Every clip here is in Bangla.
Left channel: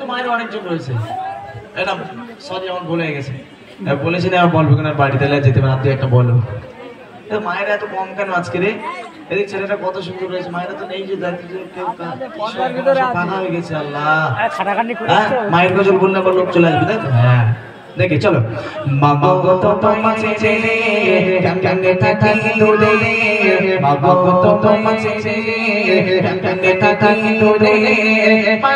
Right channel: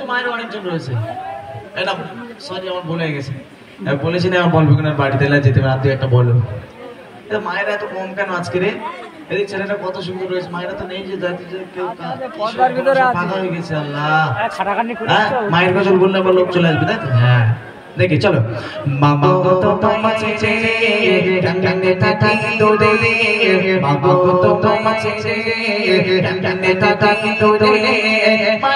তো মায়ের অনেকজন রয়েছে। এটা সরি আমার ভুল হয়ে গেছে। বলেছি না বলবো কিনা বাড়িতে যেতে পারে, তুই একটা বলো। মায়েরা এত কম কেন আজকে রে? এদের ছেলেটা কত সুন্দর রয়েছে, মায়েরা তো নেই যে কেউ ফাঁকা হয়ে গেছে। আল্লাহ মায়ের গজল বললে আবার লোক চলে আসবে, তাই তো? হ্যাঁ দেখি চলো। বাবা কত তোমাছে কানে থাকি দূরে, বাবা কত তোমাছে কানে থাকি দূরে,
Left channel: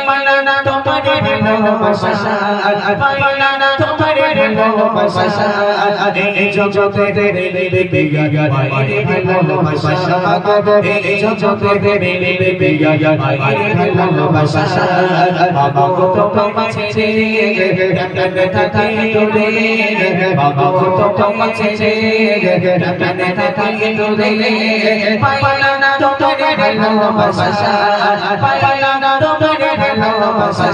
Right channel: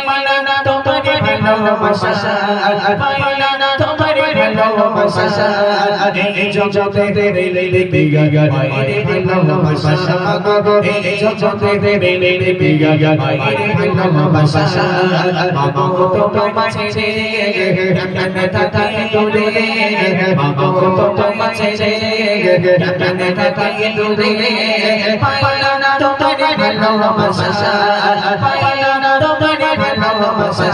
পাইলা না তোমারে ভালোবাসা, পাইলা না তোমারে ভালোবাসা, এই জগতে রে বিগা মায়ের ভালোবাসা, এই জগতে রে বিগা মায়ের ভালোবাসা, বাবা কত তোমাছে কানে থাকি দূরে, বাবা কত তোমাছে কানে থাকি দূরে, পাইলা না তোমারে ভালোবাসা, পাইলা না তোমারে ভালোবাসা,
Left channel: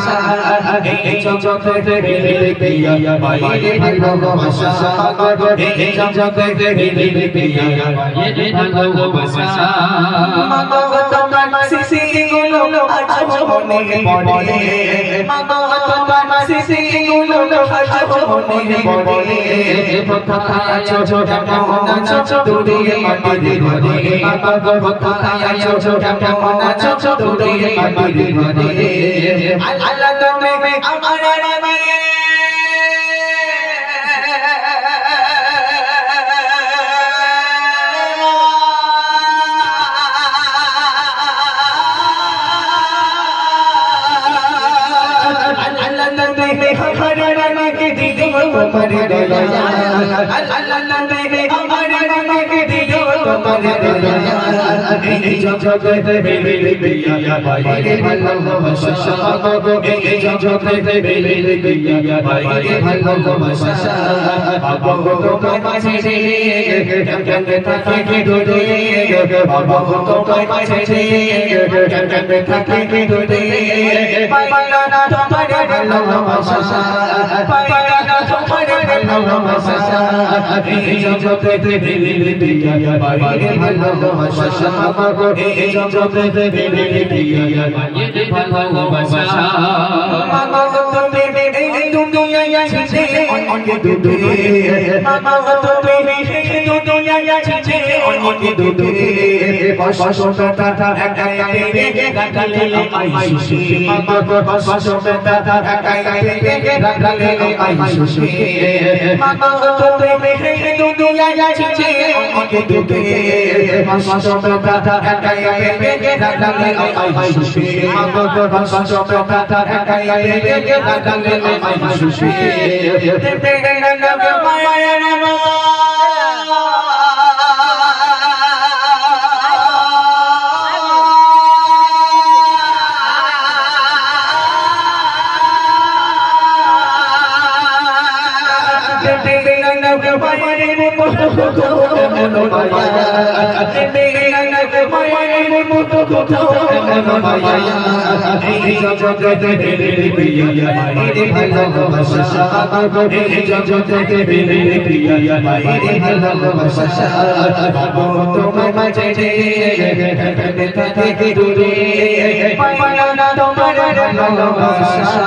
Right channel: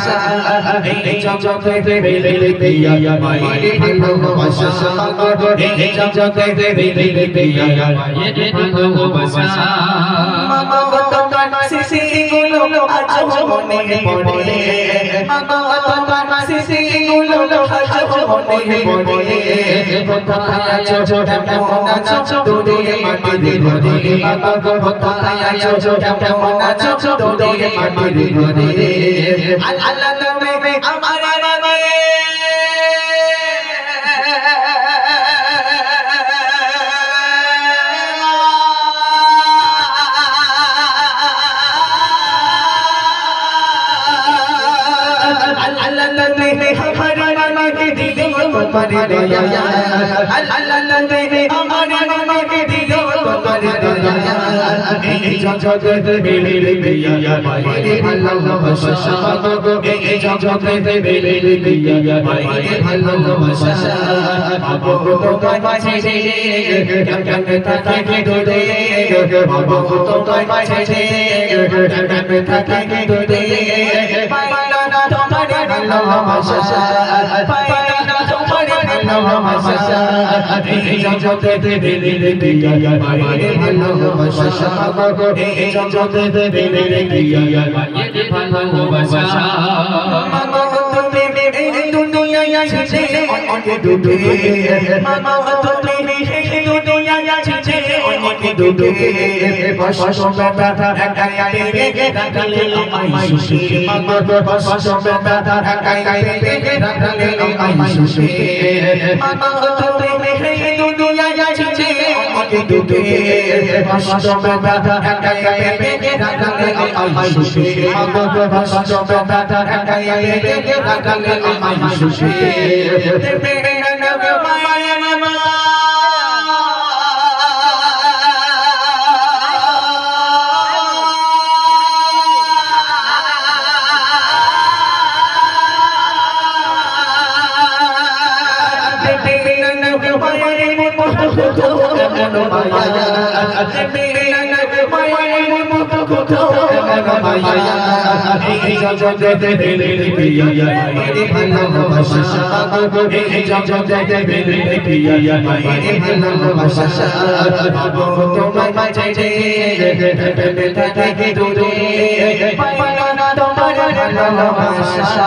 এই জগতে রে বিগা মায়ের ভালোবাসা, এই জগতে রে বিগা মায়ের ভালোবাসা, মামা তোমার স্মৃতিগুলো আজ মনে পড়ে, মামা তোমার স্মৃতিগুলো আজ মনে পড়ে, কোথায় আছো কেমন আছো দূরে মাটির ঘরে, মামা কোথায় আছো কেমন আছো দূরে মাটির ঘরে, আল্লাহ তুমি আমার রানী, এই জগতে বিয়া মায়ের ভালোবাসা, এই জগতে বিয়া মায়ের ভালোবাসা, বাবা কত তোমাছে কানে থাকি দূরে, বাবা কত তোমাছে কানে থাকি দূরে, পাইলা না তোমারে ভালোবাসা, পাইলা না তোমারে ভালোবাসা, এই জগতে বিয়া মায়ের ভালোবাসা, এই জগতে বিয়া মায়ের ভালোবাসা, মামা তুমি এই দুনিয়া ছেড়ে অনেক দূরে, মামা তুমি এই দুনিয়া ছেড়ে অনেক দূরে, কষ্ট ব্যথা একাই পেয়ে রাখলে আমায় সুখে, মামা কষ্ট ব্যথা একাই পেয়ে রাখলে আমায় সুখে, মামা তুমি এই দুনিয়া ছেড়ে অনেক দূরে, কষ্ট ব্যথা একাই পেয়ে রাখলে আমায় সুখে, মামা কষ্ট ব্যথা একাই পেয়ে রাখলে আমায় সুখে, এই জগতে বিয়া মায়ের ভালোবাসা, এই জগতে বিয়া মায়ের ভালোবাসা, বাবা তোমার মাঝে কানে থাকি দূরে, পাইলা না তোমার ভালোবাসা,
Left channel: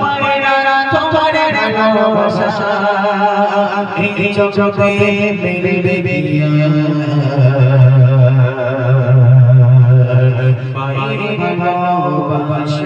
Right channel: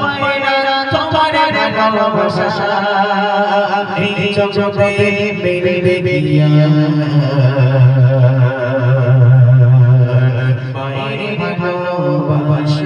পাইলা না তোমার ভালোবাসা, এই জগতে বিয়া মায়ের ভালোবাসা,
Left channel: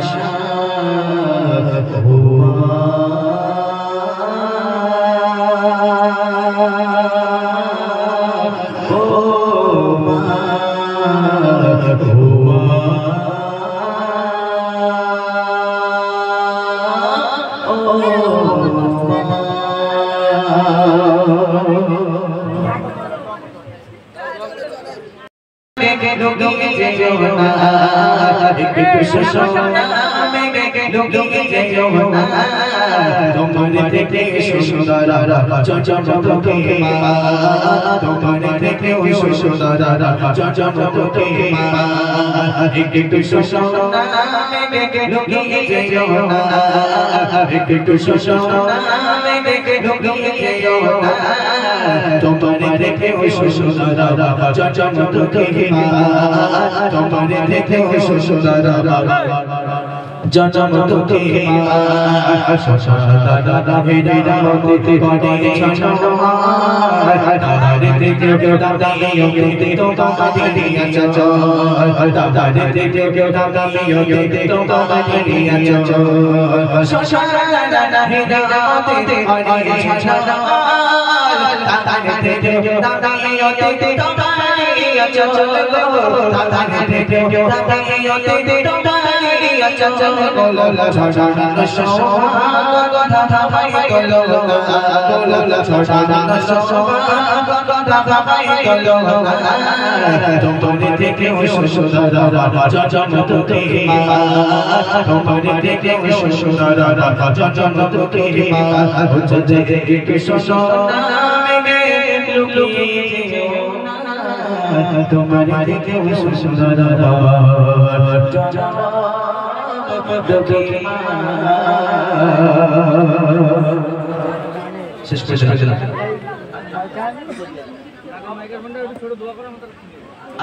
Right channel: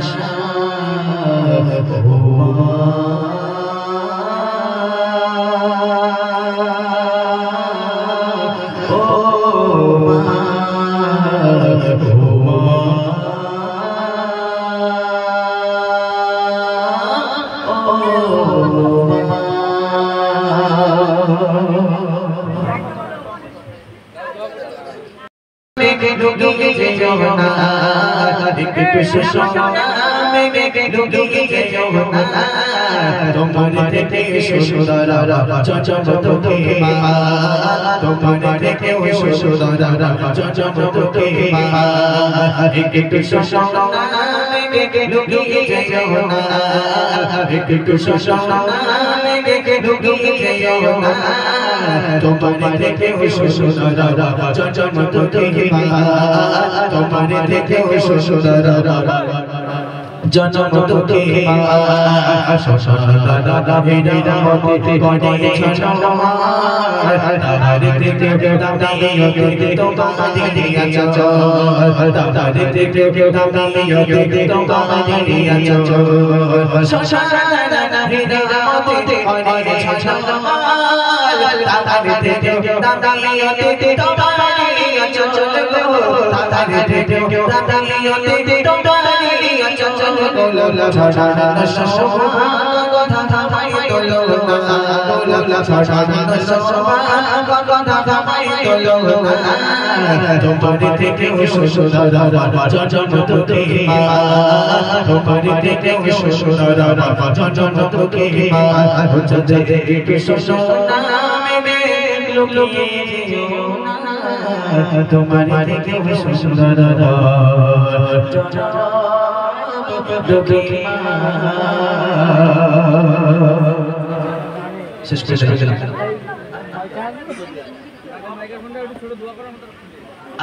তোমার থেকে সুন্দরা চচমকে মা, তোমার থেকে সুন্দরা চচমকে মা, একটু সুন্দরা লুকিয়ে যেও না, একটু সুন্দরা লুকিয়ে যেও না, তোমার থেকে সুন্দরা চচমকে মা, তোমার তোমার থেকে সুন্দর জন্ম তোকে সশাদা হেরা মতে গড়ে ছলমা তারে থেকে দাদাইতে তোমারে দিয়াছো তারে থেকে দাদাইতে তোমারে দিয়াছো সশাদা হেরা মতে গড়ে ছলমা তারে থেকে দাদাইতে তোমারে দিয়াছো তারে থেকে দাদাইতে তোমারে দিয়াছো গোলা ছড়ানা শোভা কথা থামাই তোলো গোলা ছড়ানা শোভা কথা থামাই তোলো তোমার থেকে সুন্দর জন্ম তোকে তোমার থেকে সুন্দর জন্ম তোকে জজে থেকে সোনা মে লুকিয়ে তোমার থেকে সুন্দর শেষ করে দিলাম।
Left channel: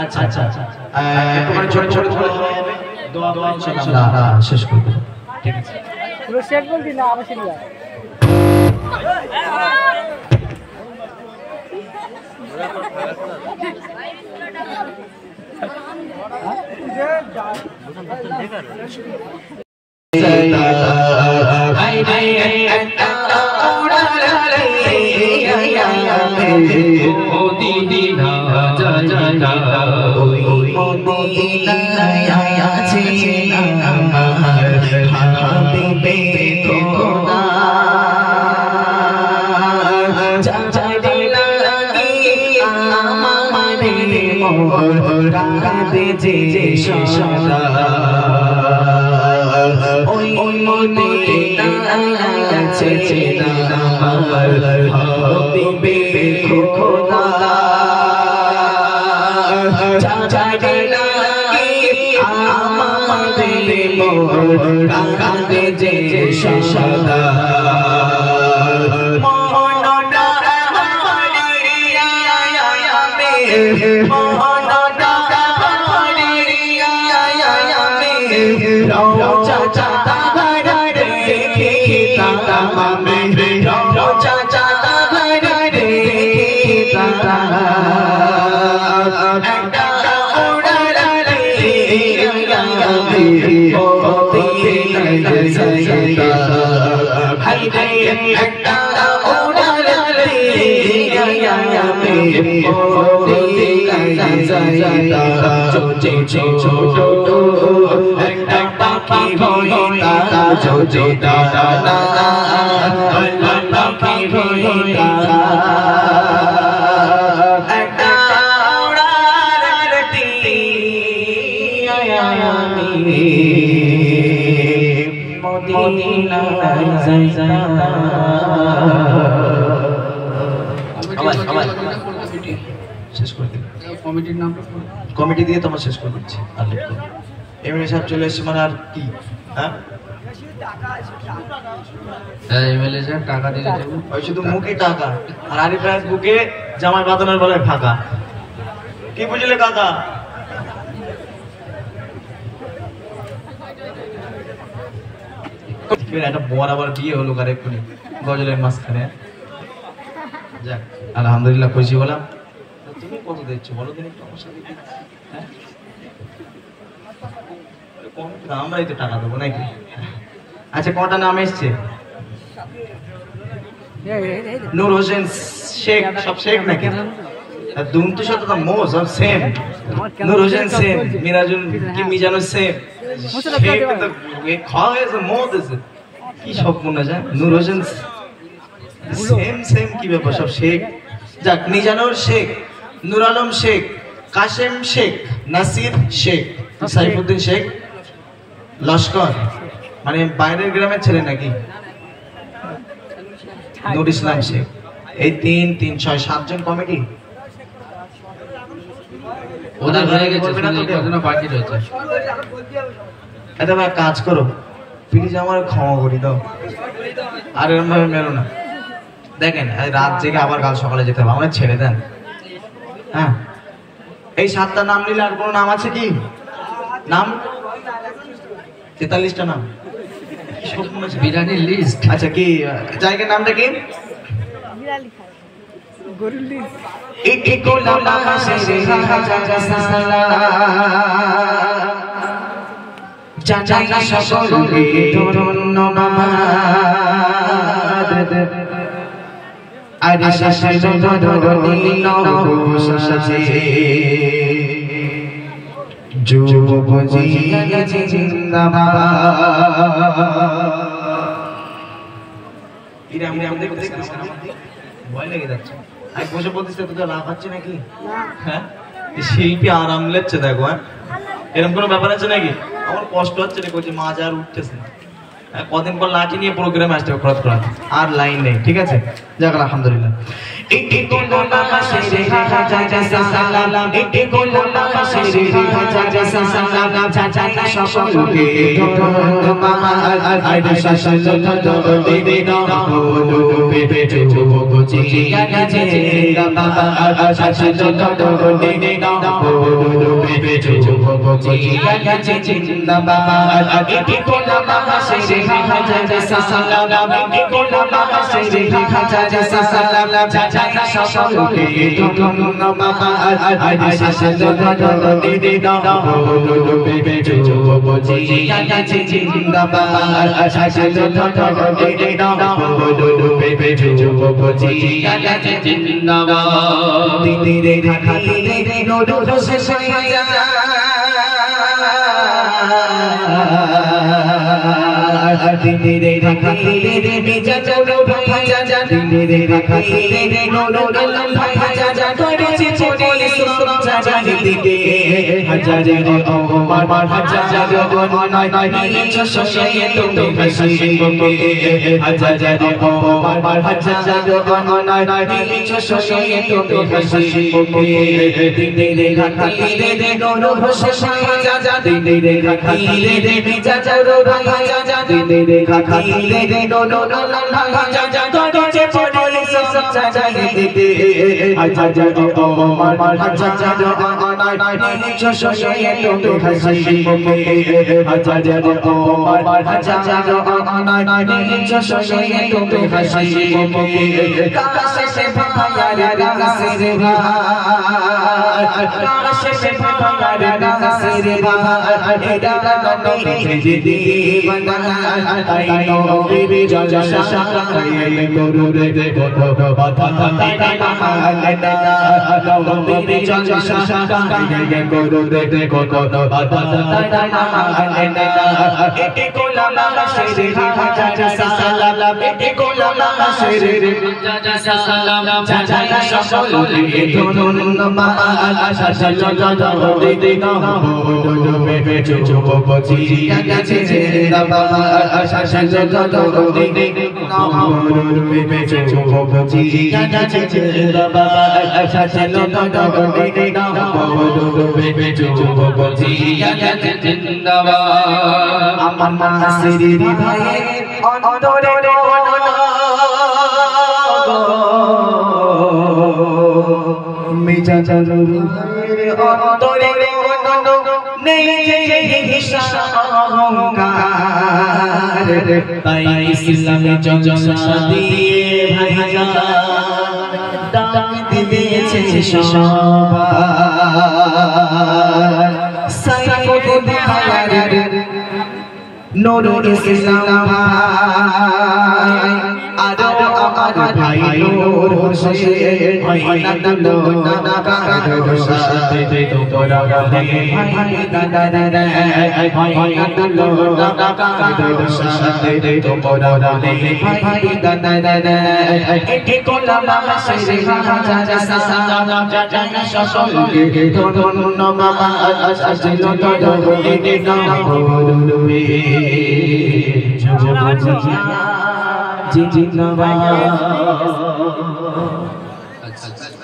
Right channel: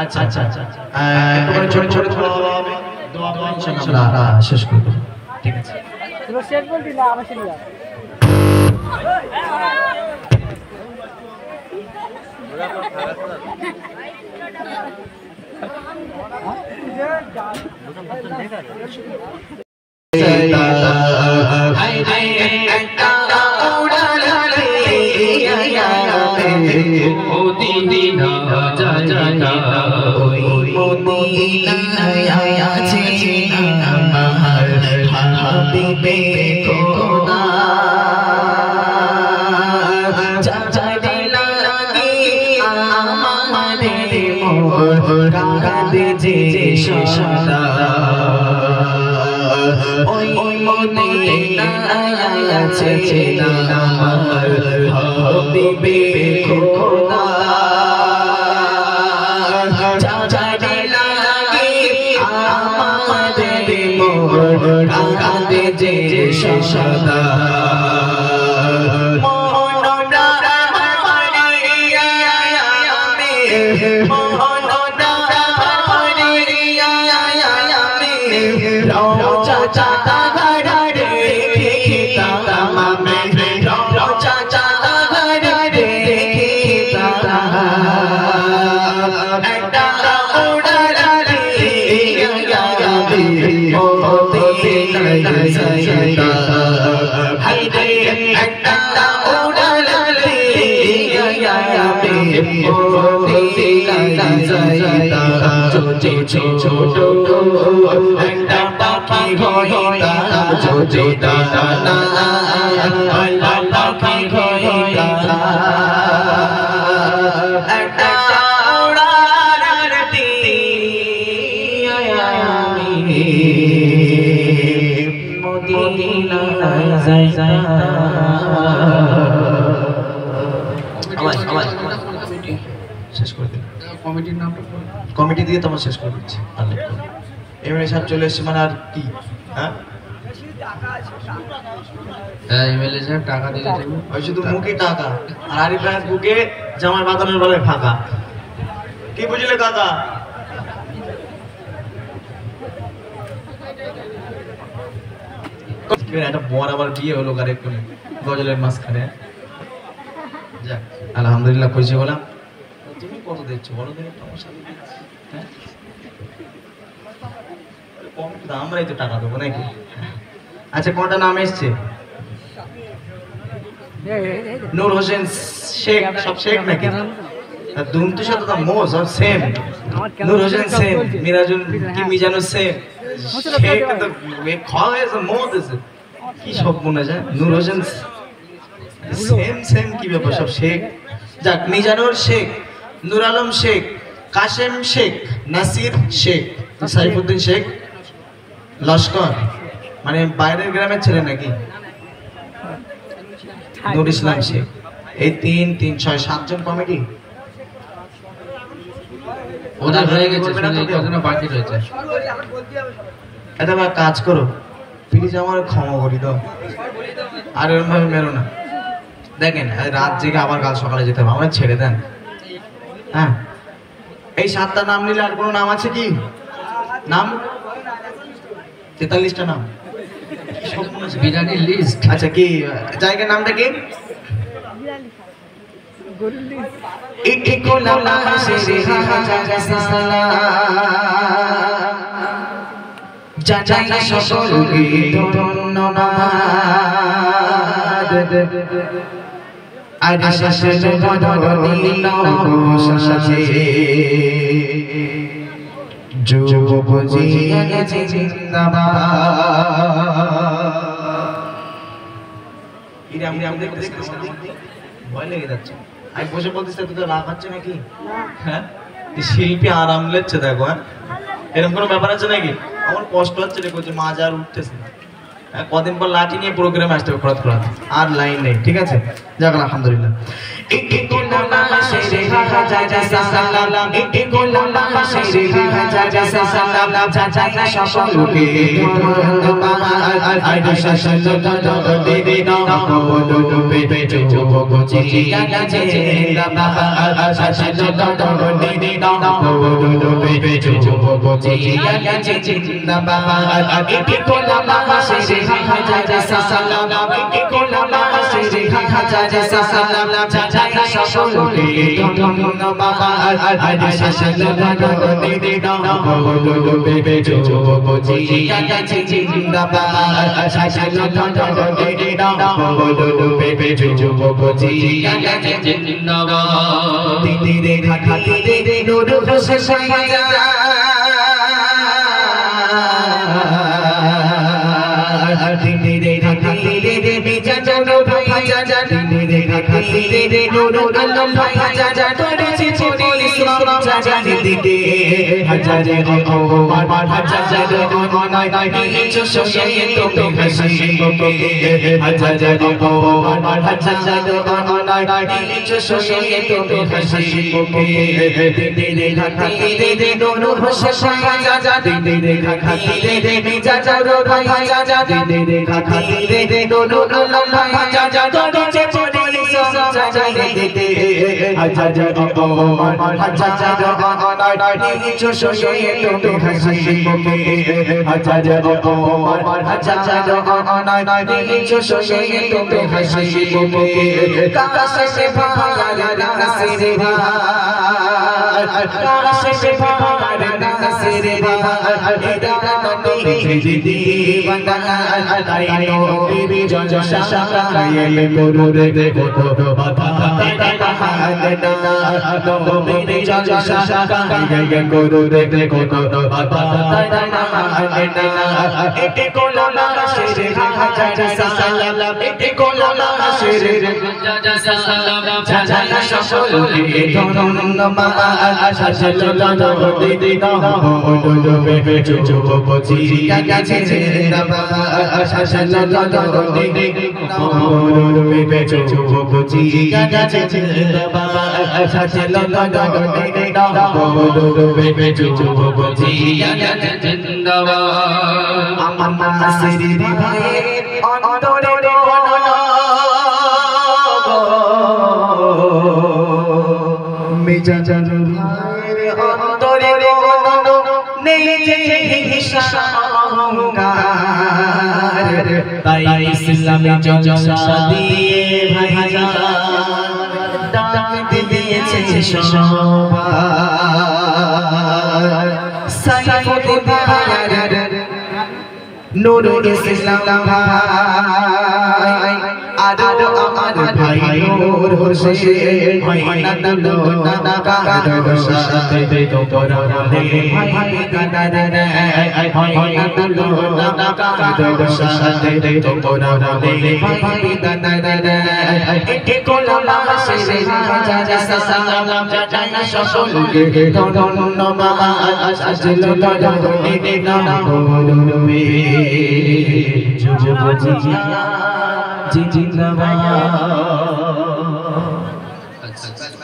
আচ্ছা আচ্ছা আচ্ছা একটুখানি ছোট ছোট ছোট দোয়া করে ইনশাআল্লাহ শেষ করে দেব। ঠিক আছে পুরো শেষ বলবি না আবার শুনি যা ওরা পর খারাপ করা কমিটি দিয়ে তোমার শেষ করে দিচ্ছি। এমএলএ সাহেব চলে এসেছে মানে আর কি হ্যাঁ এমএলএ সাহেব টাকা দিলে ওই শুধু মুখে টাকা আর আরিফ ভাইয়ের বুকে জামার বাঁধানোর বলে ফাঁকা। কি বুঝলে কাকা? একটা বর আবার বিয়ে হলো কার এক্ষুনি গজলের মাঝখানে। যাক আলহামদুলিল্লাহ খুশি হলাম। তুমি কত দিচ্ছ বলো দিন একটু আমার সাথে হ্যাঁ কম আমরাই তো টাকা দেবো নাকি? আচ্ছা কটা নাম এসছে? নূর হোসেন শেখ সব শেখ নাকি? দুম তো সাথে তো মোজ আর সেম নূর হোসেন সেম মিরাজুল কি মিজানু সেম শেখ তো ये খাওয়া হয়েছে মোজ আছে কি সব মনে যায় নূর হোসেন সেম সেম কি ব্যাপার সব শেখ। যাক মিজানুর শেখ, নূর আলম শেখ, কাশেম শেখ, নাসির শেখ, সাইফুদ্দিন শেখ, লস্কর মানে বাইরের গ্রামের ছেলে নাকি? নূর ইসলাম শেখ। এই 3 3 6 7 জন কমিটি ওদের হয়ে গেছে শুধু বাকি রয়েছে। এটা ভাই কাজ করো প্লিজ আমার ক্ষমা করে দাও আর এরকম ভাবে মেরো না। দেখেন রাত জেগে আবার কাল সকালে যেতে হবে আমার ছেড়ে দেন। হ্যাঁ এই 7টা নাম নিলে আর কোনো নাম আছে কি? নাম 43টা নাম বিরিয়ানির লিস্ট। আচ্ছা কি জায়গার নামটা কি? ভয় লেগে যাচ্ছে আমি বসে বলতেছি তো লাভ হচ্ছে নাকি? হ্যাঁ শিল্পী আরাম লেচ্ছে দেখো। হ্যাঁ এরকম কোনো ব্যাপার আছে নাকি? আমার কষ্ট হচ্ছে রে বলছে মা আর উঠতেছে না। কদিন পর লাঠি নিয়ে প্রোগ্রামে আসতে হবে খরচ করা আর লাইন নেই। ঠিক আছে যাক আলহামদুলিল্লাহ।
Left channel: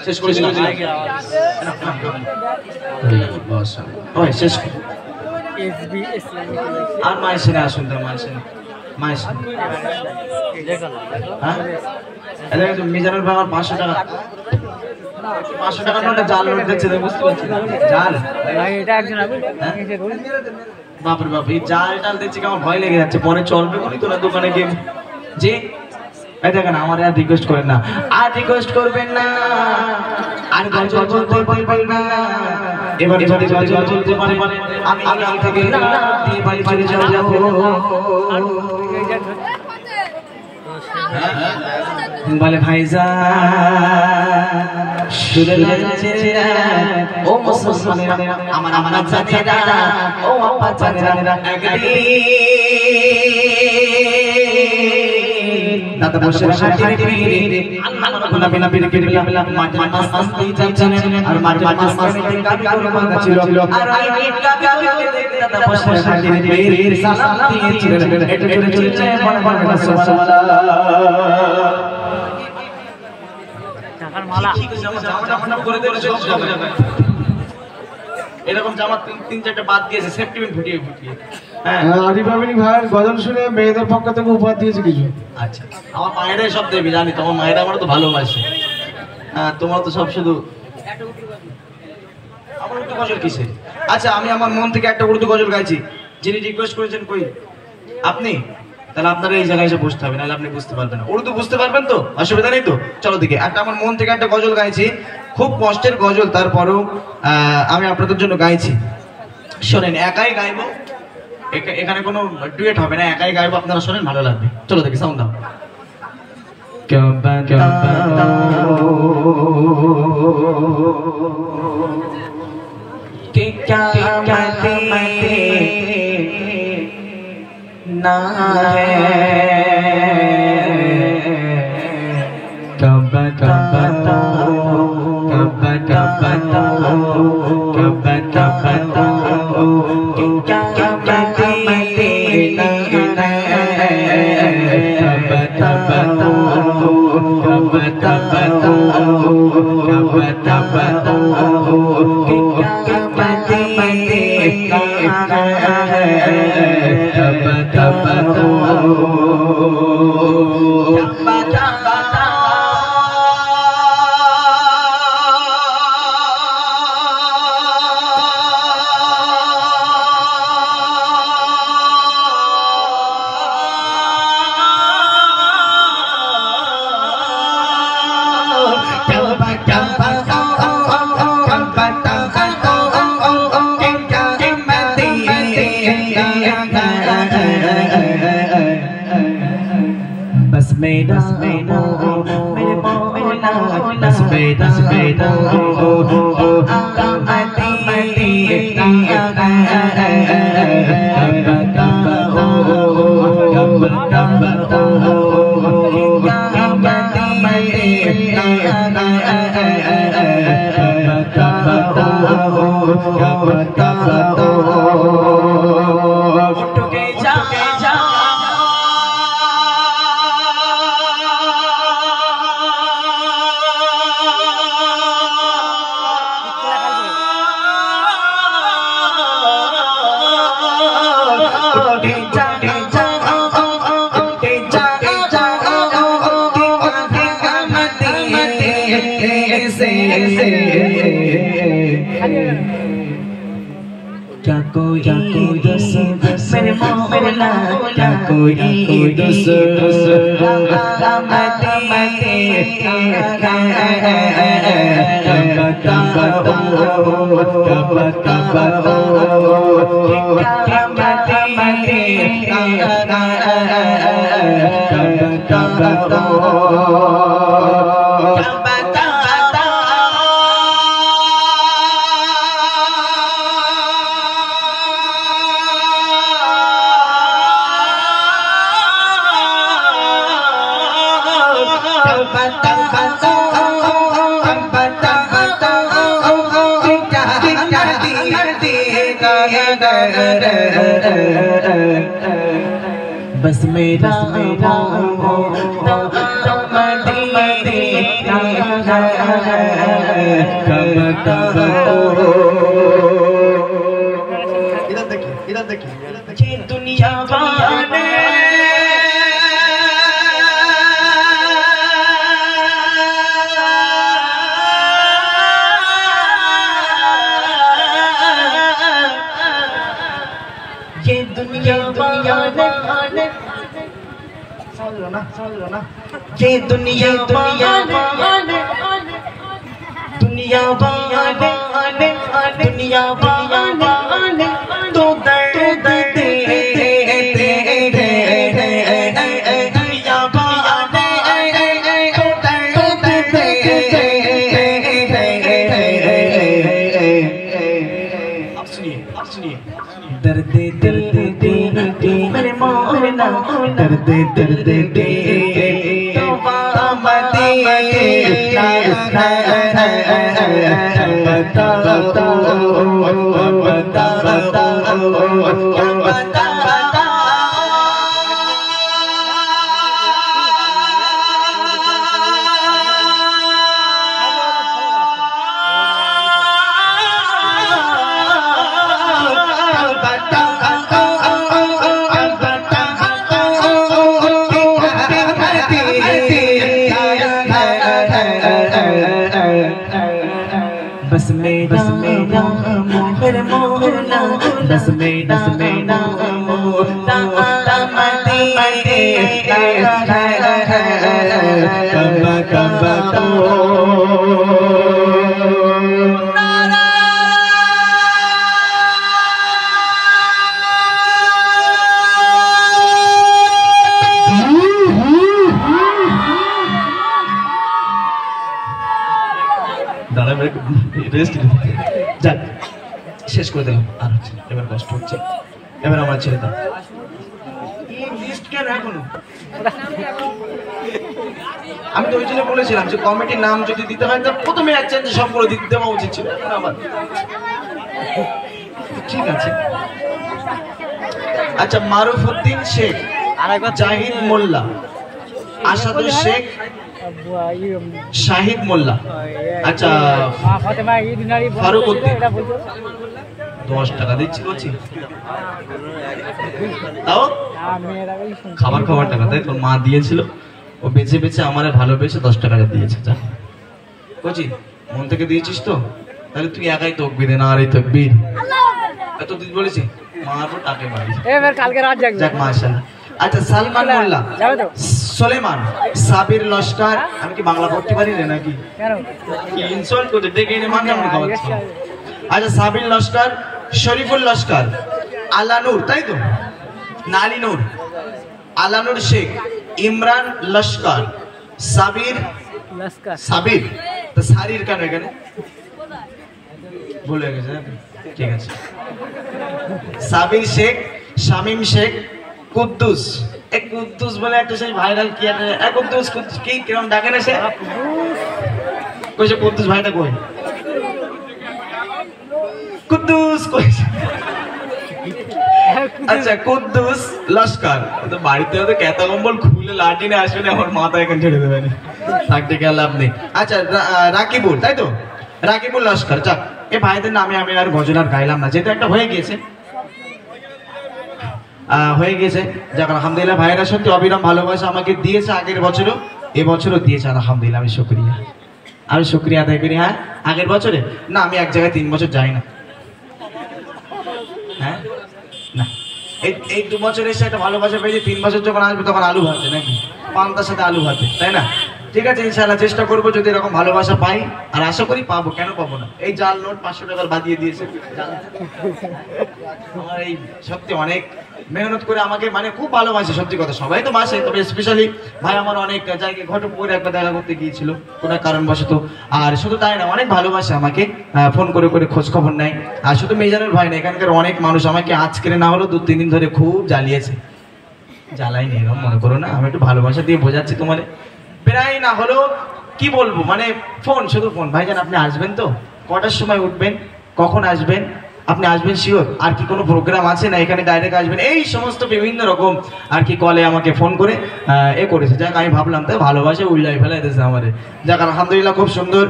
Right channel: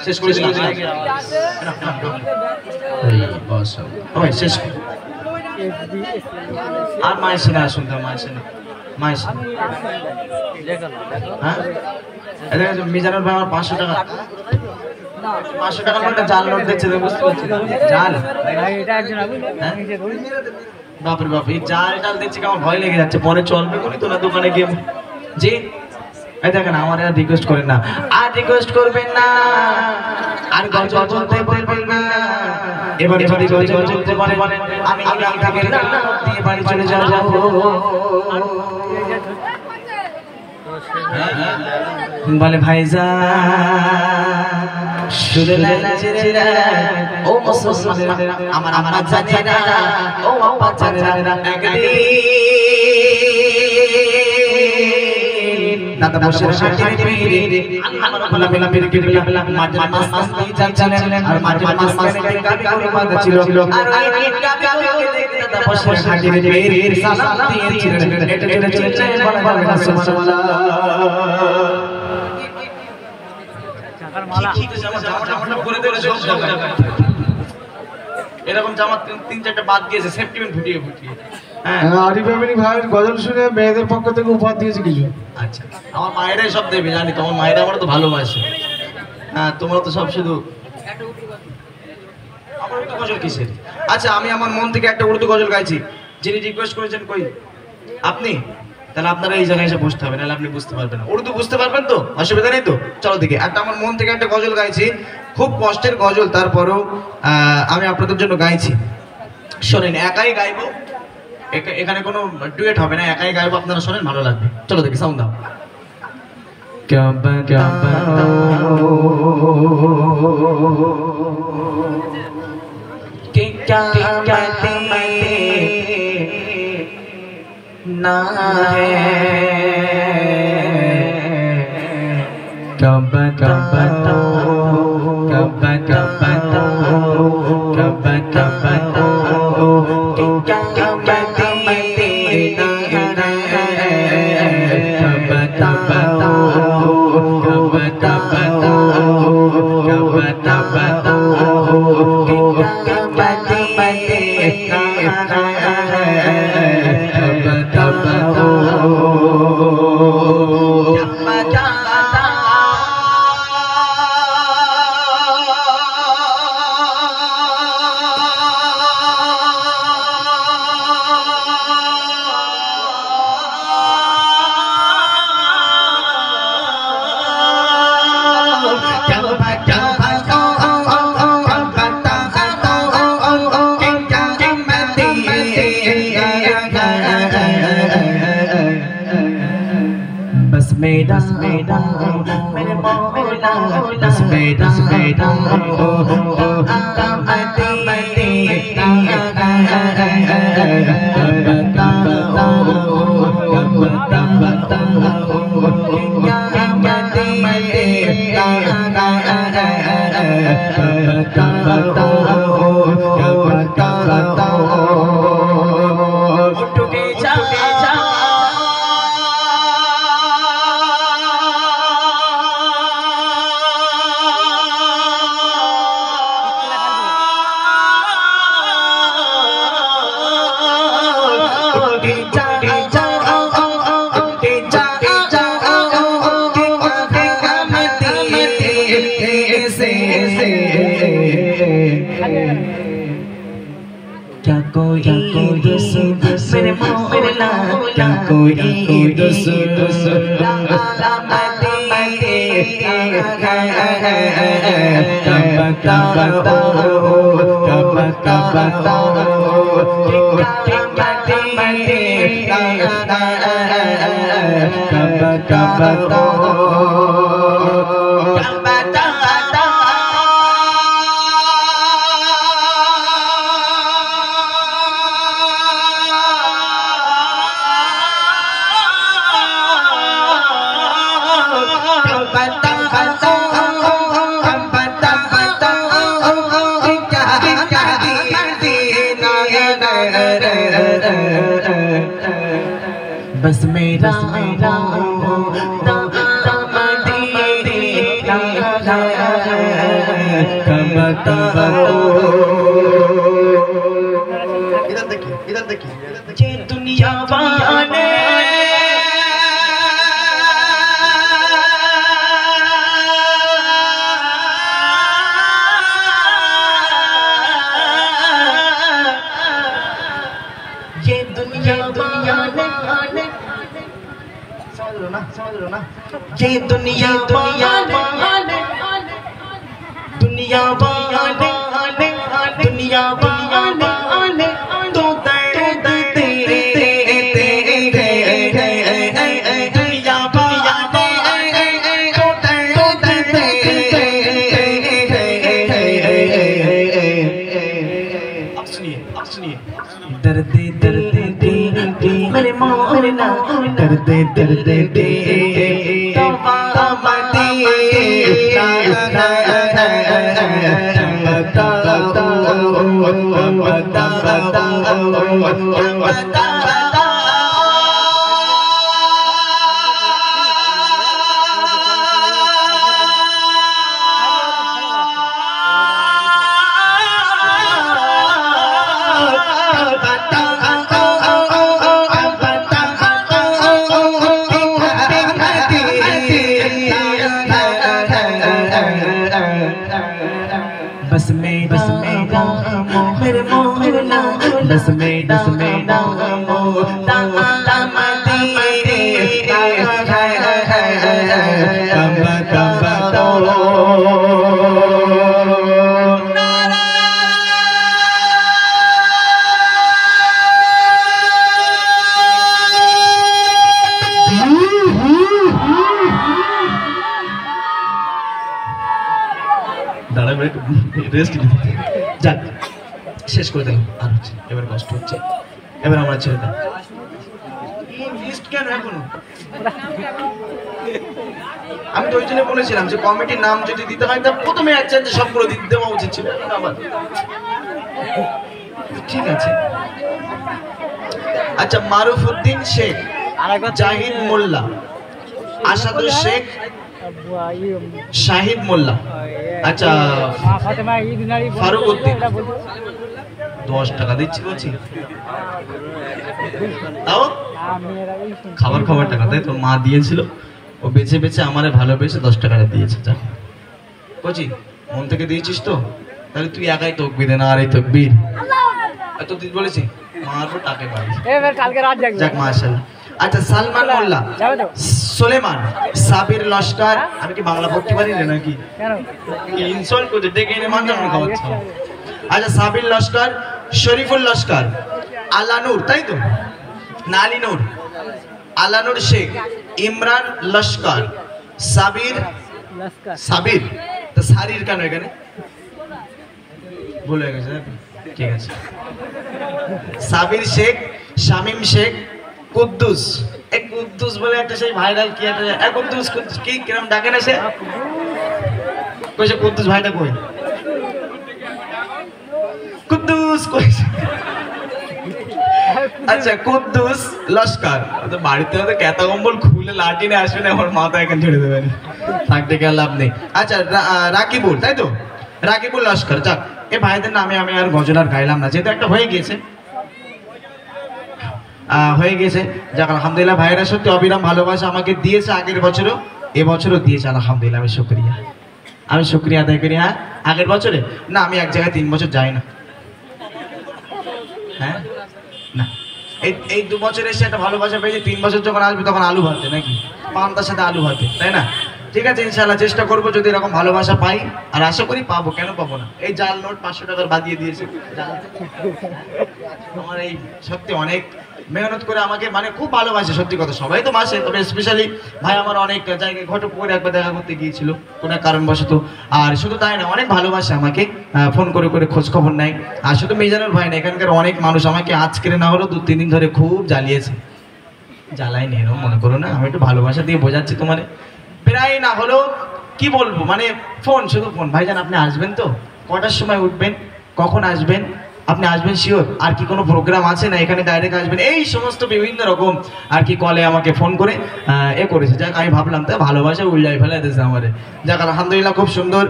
শেষ করে দিলাম শেষ আর মায়ের সিনে আসুন তো মায়ের সিনে হ্যাঁ মিজানুর বাবার 500 টাকা 500 টাকার নোটে জাল নোট দিচ্ছে বুঝতে পারছি না জাল বাপরে বাপ এই জাল টাল দিচ্ছে কি আমার ভয় লেগে যাচ্ছে পরে চলবে বলি তো না দোকানে গিয়ে জি এই দেখেন আমার আর রিকোয়েস্ট করেন না আর রিকোয়েস্ট করবেন না আর গজল বলতে বলবেন না এবার যদি গজল বলতে পারেন আমি আগাম থেকে দিয়ে বাড়ি চলে যাব বলে ভাইজান শুধু লালচেরা ও মুসলমানেরা আমার আমার জানেরা ও আপা জানেরা একদিন দাদা বসে হাঁটিয়ে ফিরে আল্লাহ বলা বেলা বের কে বেলা মাঝে মাস আসতে যাচ্ছেন আর মাঝে মাস থেকে গাবি করে বাঁধা ছিল আর ওই গাবি করে দাদা বসে হাঁটিয়ে ফিরে সালাম দিয়েছিলেন এটা চলে চলে যায় বড় বড় সুবহানাল্লাহ এরকম জামা 3-4টা বাদ দিয়েছে সেফটি পিন ফুটিয়ে ফুটিয়ে আরিফ আমিনী ভাইয়ের গজল শুনে মেয়েদের পক্ষ থেকে উপহার দিয়েছে কিছু। আচ্ছা আমার মায়েরাই সব দেবে জানি তোমার মায়েরা আমার তো ভালোবাসে হ্যাঁ তোমার তো সব শুধু আমার উর্দু গজল কিসের আচ্ছা আমি আমার মন থেকে একটা উর্দু গজল গাইছি যিনি রিকোয়েস্ট করেছেন কই আপনি তাহলে আপনারা এই জায়গায় এসে বসতে হবে নাহলে আপনি বুঝতে পারবেন না উর্দু বুঝতে পারবেন তো অসুবিধা নেই তো চলো দেখি একটা আমার মন থেকে একটা গজল গাইছি খুব কষ্টের গজল তারপরেও আমি আপনাদের জন্য গাইছি শোনেন একাই গাইবো এখানে কোনো ডুয়েট হবে না একাই গাইবো আপনারা শোনেন ভালো লাগবে চলো দেখি সাউন্ড দাও क्या बताओ कि क्या ना है कब बताओ कब बताओ कि क्या मेरा मेरा मेरे मौला बस मेरा मेरा क्या कोई मेरे मौला क्या कोई बस मेरा मेरा इधर देखिए ये दुनिया वाले ये दुनिया दुनिया ने समझ लो ना ये दुनिया दुनिया ने दुनिया ने तो दर्द तेरे दर्दे दर्दे दे मेरे मौला दर्दे दर्दे दे तौबा दे बस मेरा मेरे मौला बस मेरा मोहला দাঁড়া রেস্ট যাক শেষ করে দিলাম আর হচ্ছে এবার কষ্ট হচ্ছে এবার আমার ছেড়ে দাও আমি তো ওই জন্য বলেছিলাম যে কমিটির নাম যদি দিতে হয় তার প্রথমে এক চান্সে সবগুলো দিতে দেওয়া উচিত ছিল ঠিক আছে আচ্ছা মারুফউদ্দিন শেখ জাহিদ মোল্লা আসাদুল শেখ শাহিদ মোল্লা আচ্ছা ফারুক উদ্দিন 10 টাকা দিচ্ছি বলছি তাও খাবার টাকা তাই তো মা দিয়েছিল ও বেছে বেছে আমারে ভালোবেসে 10 টাকা দিয়েছে যা বলছি মন থেকে দিয়েছিস তো তাহলে তুই একাই তকবীর না আর এই তকবীর এত দিন বলেছি মারবো টাকে মারি এবার কালকে রাত জাগবে যাক মাশাআল্লাহ আচ্ছা সালমান মোল্লা সুলেমান সাবির লস্কর আমি কি বাংলা পড়তে পারি না নাকি কেন কি ইনসল্ট করে ডেকে এনে মানজাম খাওয়াচ্ছি আচ্ছা সাবির লস্কর শরীফুল লস্কর আলানুর তাই তো নালিনুর আলানুর শেখ ইমরান লস্কর সাবির লস্কর সাবির তো সারির কেন এখানে ভুল হয়ে গেছে ঠিক আছে সাবির শেখ শামিম শেখ কুদ্দুস এক কুদ্দুস বলে একটা সেই ভাইরাল কি একটা এক কুদ্দুস কি কিরম ডাকে না সে কইছে কুদ্দুস ভাইটা কই কুদ্দুস কই আচ্ছা কুদ্দুস লস্কর তো বাড়িতে তো কেতা কম্বল খুলে লাঠি নিয়ে আসবে না আমার মাথা এখানে ছেড়ে দেবে না থাকতে গেলে লাভ নেই আচ্ছা রাকিবুল তাই তো রাকিবুল লস্কর যাক এ ভাইদের নামে আমি আর গজল আর গাইলাম না যেহেতু একটা হয়ে গিয়েছে যাক আলহামদুলিল্লাহ ভাইরা সত্যি অবিরাম ভালোবাসা আমাকে দিয়েছে আগের বছরও এবছরও দিয়েছে আলহামদুলিল্লাহ আমি শুকরিয়া আদায় করি হ্যাঁ আগের বছরে না আমি এক জায়গায় 3 বছর যাই না হ্যাঁ না এই 2 বছর এসে একটা ভালোবাসা পেয়েছি 3 বছর যখন আসবে তখন আলু ভাতে নাকি পান্তার সাথে আলু ভাতে তাই না ঠিক আছে ইনশাআল্লাহ চেষ্টা করবো যদি এরকম ভালোবাসা পাই আর আশা করি পাবো কেন পাবো না এই জাল নোট 500 টাকার বাদিয়ে দিয়েছে আমার এই সত্যি অনেক মেহনত করে আমাকে মানে খুব ভালোবাসে সত্যি কথা সবাই তো বাসে তবে স্পেশালি ভাই আমার অনেক জায়গায় ঘটপুরে একবার দেখা করতে গিয়েছিল কোনো কারণবশত আর শুধু তাই না অনেক ভালোবাসে আমাকে ফোন করে খোঁজ খবর নেয় আর শুধু মেজানুর ভাই না এখানকার অনেক মানুষ আমাকে আজকে না হলেও 2-3 দিন ধরে খুব জ্বালিয়েছে জ্বালাইনি এরকম মনে করো না আমি একটু ভালোবাসা দিয়ে বোঝাচ্ছি তোমার প্রায় না হলেও কি বলবো মানে শুধু ফোন ভাইজান আপনি আসবেন তো কটার সময় উঠবেন কখন আসবেন আপনি আসবেন শিওর আর কি কোনো প্রোগ্রাম আছে না এখানে ডাইরেক্ট আসবেন এই সমস্ত বিভিন্ন রকম আর কি কলে আমাকে ফোন করে করেছে যাক আমি ভাবলাম তাই ভালোবাসা উল্লাই ফেলাই দিয়েছে আমাদের যাক আলহামদুলিল্লাহ খুব সুন্দর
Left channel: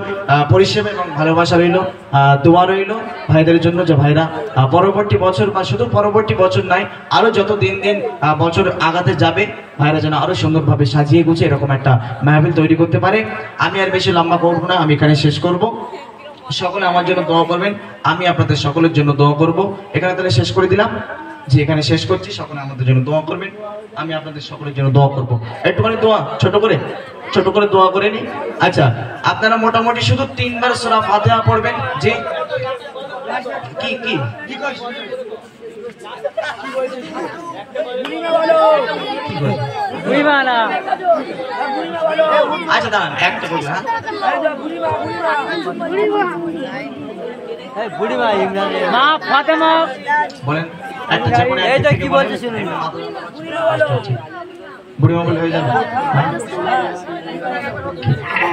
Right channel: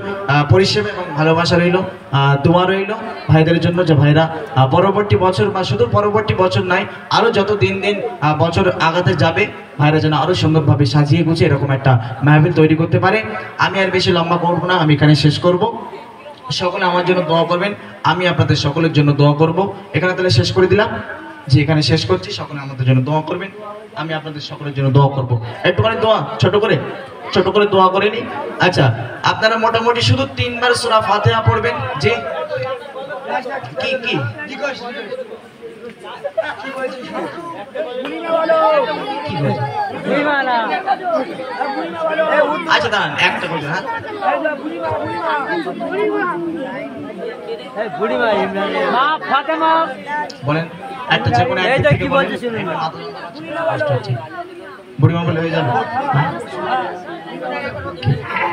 পরিষেবা এবং ভালোবাসা রইলো দোয়া রইলো ভাইদের জন্য যে ভাইরা পরবর্তী বছর বা শুধু পরবর্তী বছর নাই আরো যত দিন বছর আগাতে যাবে ভাইরা যেন আরো সুন্দরভাবে সাজিয়ে গুছিয়ে এরকম একটা মাহফিল তৈরি করতে পারে আমি আর বেশি লম্বা করবো না আমি এখানে শেষ করব সকলে আমার জন্য দোয়া করবেন আমি আপনাদের সকলের জন্য দোয়া করব এখানে তাহলে শেষ করে দিলাম যে এখানে শেষ করছি, সকলে আমাদের জন্য দোয়া করবেন, আমি আপনাদের সকলের জন্য দোয়া করব। একটুখানি দোয়া ছোট করে দোয়া করে নি। আচ্ছা, আপনারা মোটামুটি শুধু 3 বার সূরা ফাতিহা পড়বেন। যে কি আচ্ছা দাঁড়ান, একটা বলবেন। হ্যাঁ বলেন একটা, যে কোনো একটা থেকে বলেন। বুড়িমা বলে হয়ে যাবে।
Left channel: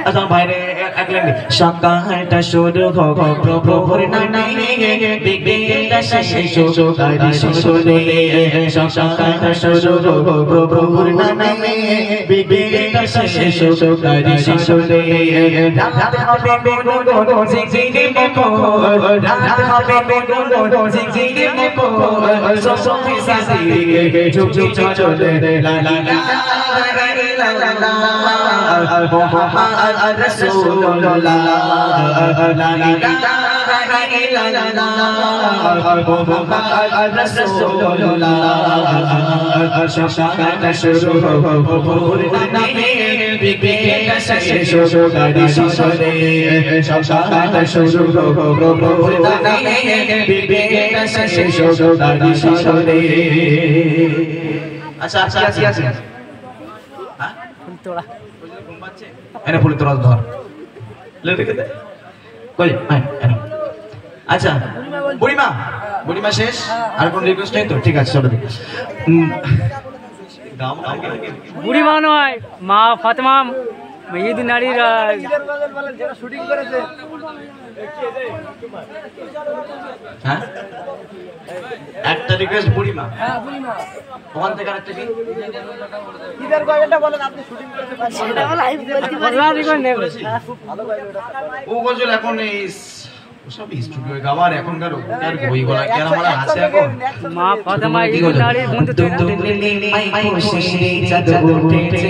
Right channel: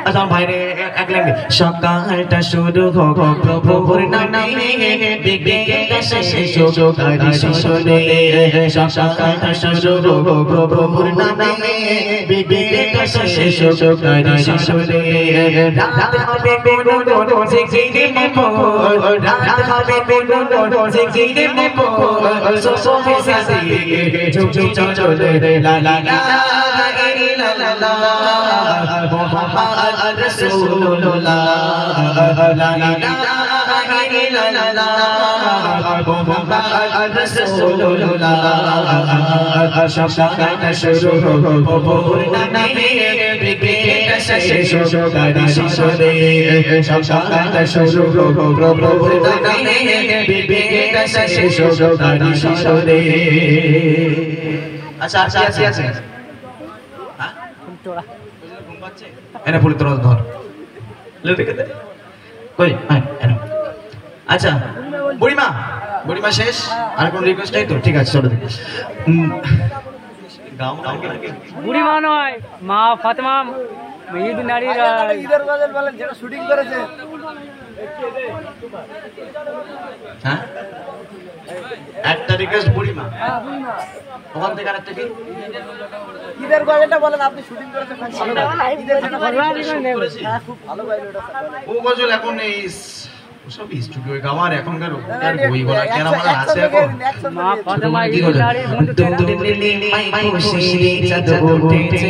আচ্ছা ভাইরে এক লাইন সকালটা শুরু হোক প্রভুর নামে, বিকেলটা শেষ হোক তারি সুরে। সকালটা শুরু হোক প্রভুর নামে, বিকেলটা শেষ হোক তারি সুরে। রাত হবে বেগুন জিগজিগে মোর, রাত হবে বেগুন জিগজিগে মোর। সোফে সাজিয়ে ঝুক ঝুক চলে লা লা লা মুহাম্মদ রাসূলুল্লাহ, লা ইলাহা ইল্লাল্লাহ মুহাম্মদ রাসূলুল্লাহ। সকালটা শুরু হোক প্রভুর নামে, বিকেলটা শেষ হোক তারি সুরে। সকালটা শুরু হোক প্রভুর নামে, বিকেলটা শেষ হোক তারি সুরে। আচ্ছা আছে এনে ফুল তোর ধর কই। আচ্ছা বুড়িমা শেষ, আর কোন রিকোয়েস্ট নেই তো? ঠিক আছে চলো। বুড়িমা নয়, মা ফাতেমা মেহেদি নারীরা শুটিং করেছে। হ্যাঁ একটা রিকোয়েস্ট বুড়িমা, ওখান থেকে আরেকটা কি ঈদের গজলটা বলেন, আপনি শুটিং করেছেন। ও গজল এখন এই সব স্টুডিও গাওয়ার এখনকার ওটার বই গলা কেন আমার আছে এখন। মা ফাতেমা কি গজল? নারী বন্ধু দূরে মাই খুশি চাঁদ উঠেছে,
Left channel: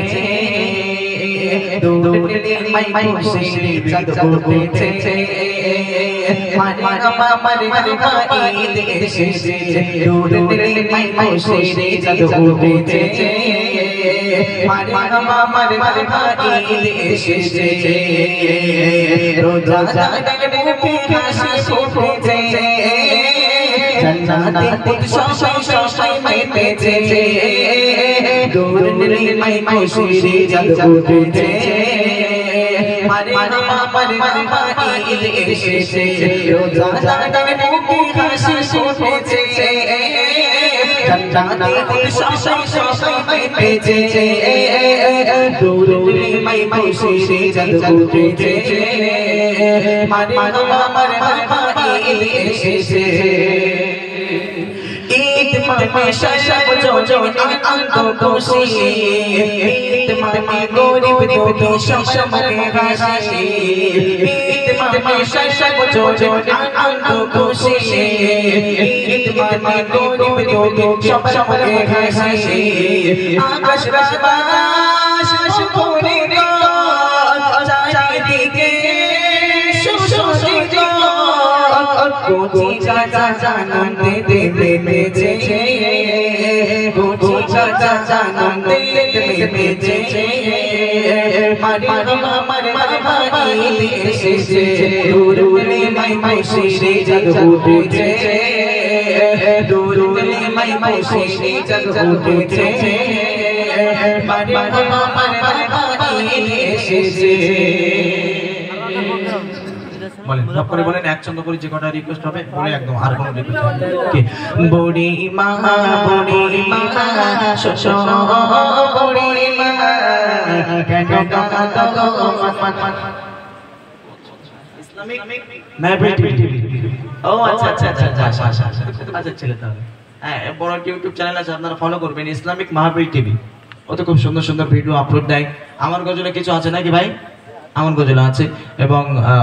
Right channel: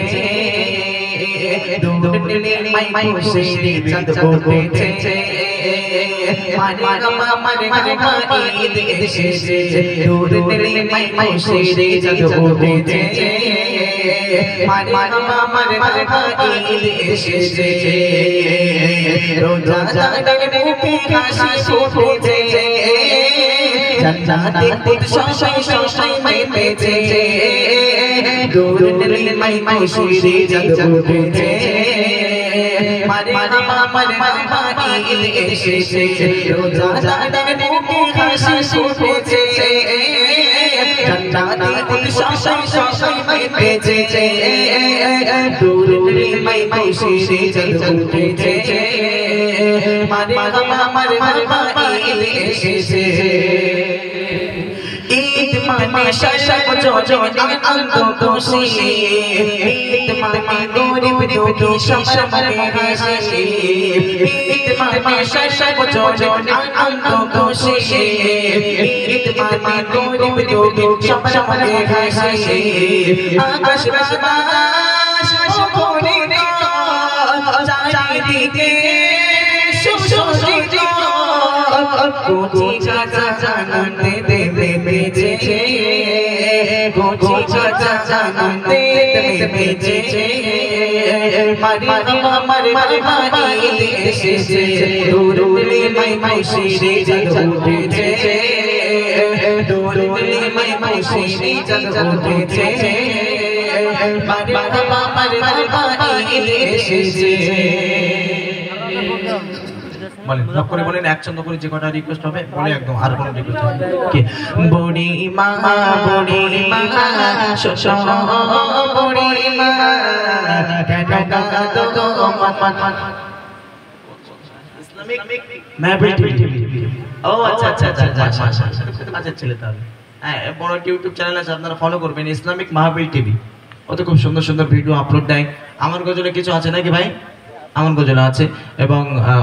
দূরে মাই খুশি চাঁদ উঠেছে। মানে আমার ঈদ এসেছে, দূরে মাই খুশি চাঁদ উঠেছে। মানে আমার ঈদ এসেছে, রোজা জাগাতে মুখে হাসি ফুটেছে, জান্নাতে শশাই মেতেছে। দূরে মাই খুশি চাঁদ উঠেছে। মানে আমার ঈদ এসেছে, রোজা জাগাতে মুখে হাসি ফুটেছে, জান্নাতে শশাই মেতেছে। দূরে মাই খুশি চাঁদ উঠেছে। মানে আমার ঈদ এসেছে। ঈদ মানে সব জনে আনন্দ খুশি, ঈদ মানে গরিব দুঃখী সব মনে হাসি। ঈদ মানে সব জনে আনন্দ খুশি, ঈদ মানে গরিব দুঃখী সব মনে হাসি। আকাশ বাতাস ভরে চারিদিকে সুশোভিত, কোটি চাচা জানাতে বেজেছে, কোটি চাচা জানাতে বেজেছে। আমার ঈদ এসেছে, দূরে মাই খুশি চাঁদ উঠেছে, দূরে মাই খুশি চাঁদ উঠেছে। আমার ঈদ এসেছে। বলেন একচন্দ করে যে কটা রিকোয়েস্ট হবে বলে একদম, আর কোনো রিকোয়েস্ট কি? বুড়ি মা শোষো বুড়ি মা কেন কাঁদো ইসলামিক মাহফিল টিভি। ও আচ্ছা আচ্ছা ছেলে তাহলে। হ্যাঁ, বড় ইউটিউব চ্যানেল আছে, আপনারা ফলো করবেন, ইসলামিক মাহফিল টিভি। ওতে খুব সুন্দর সুন্দর ভিডিও আপলোড দেয়। আমার গজলে কিছু আছে নাকি ভাই? আমার গজল আছে, এবং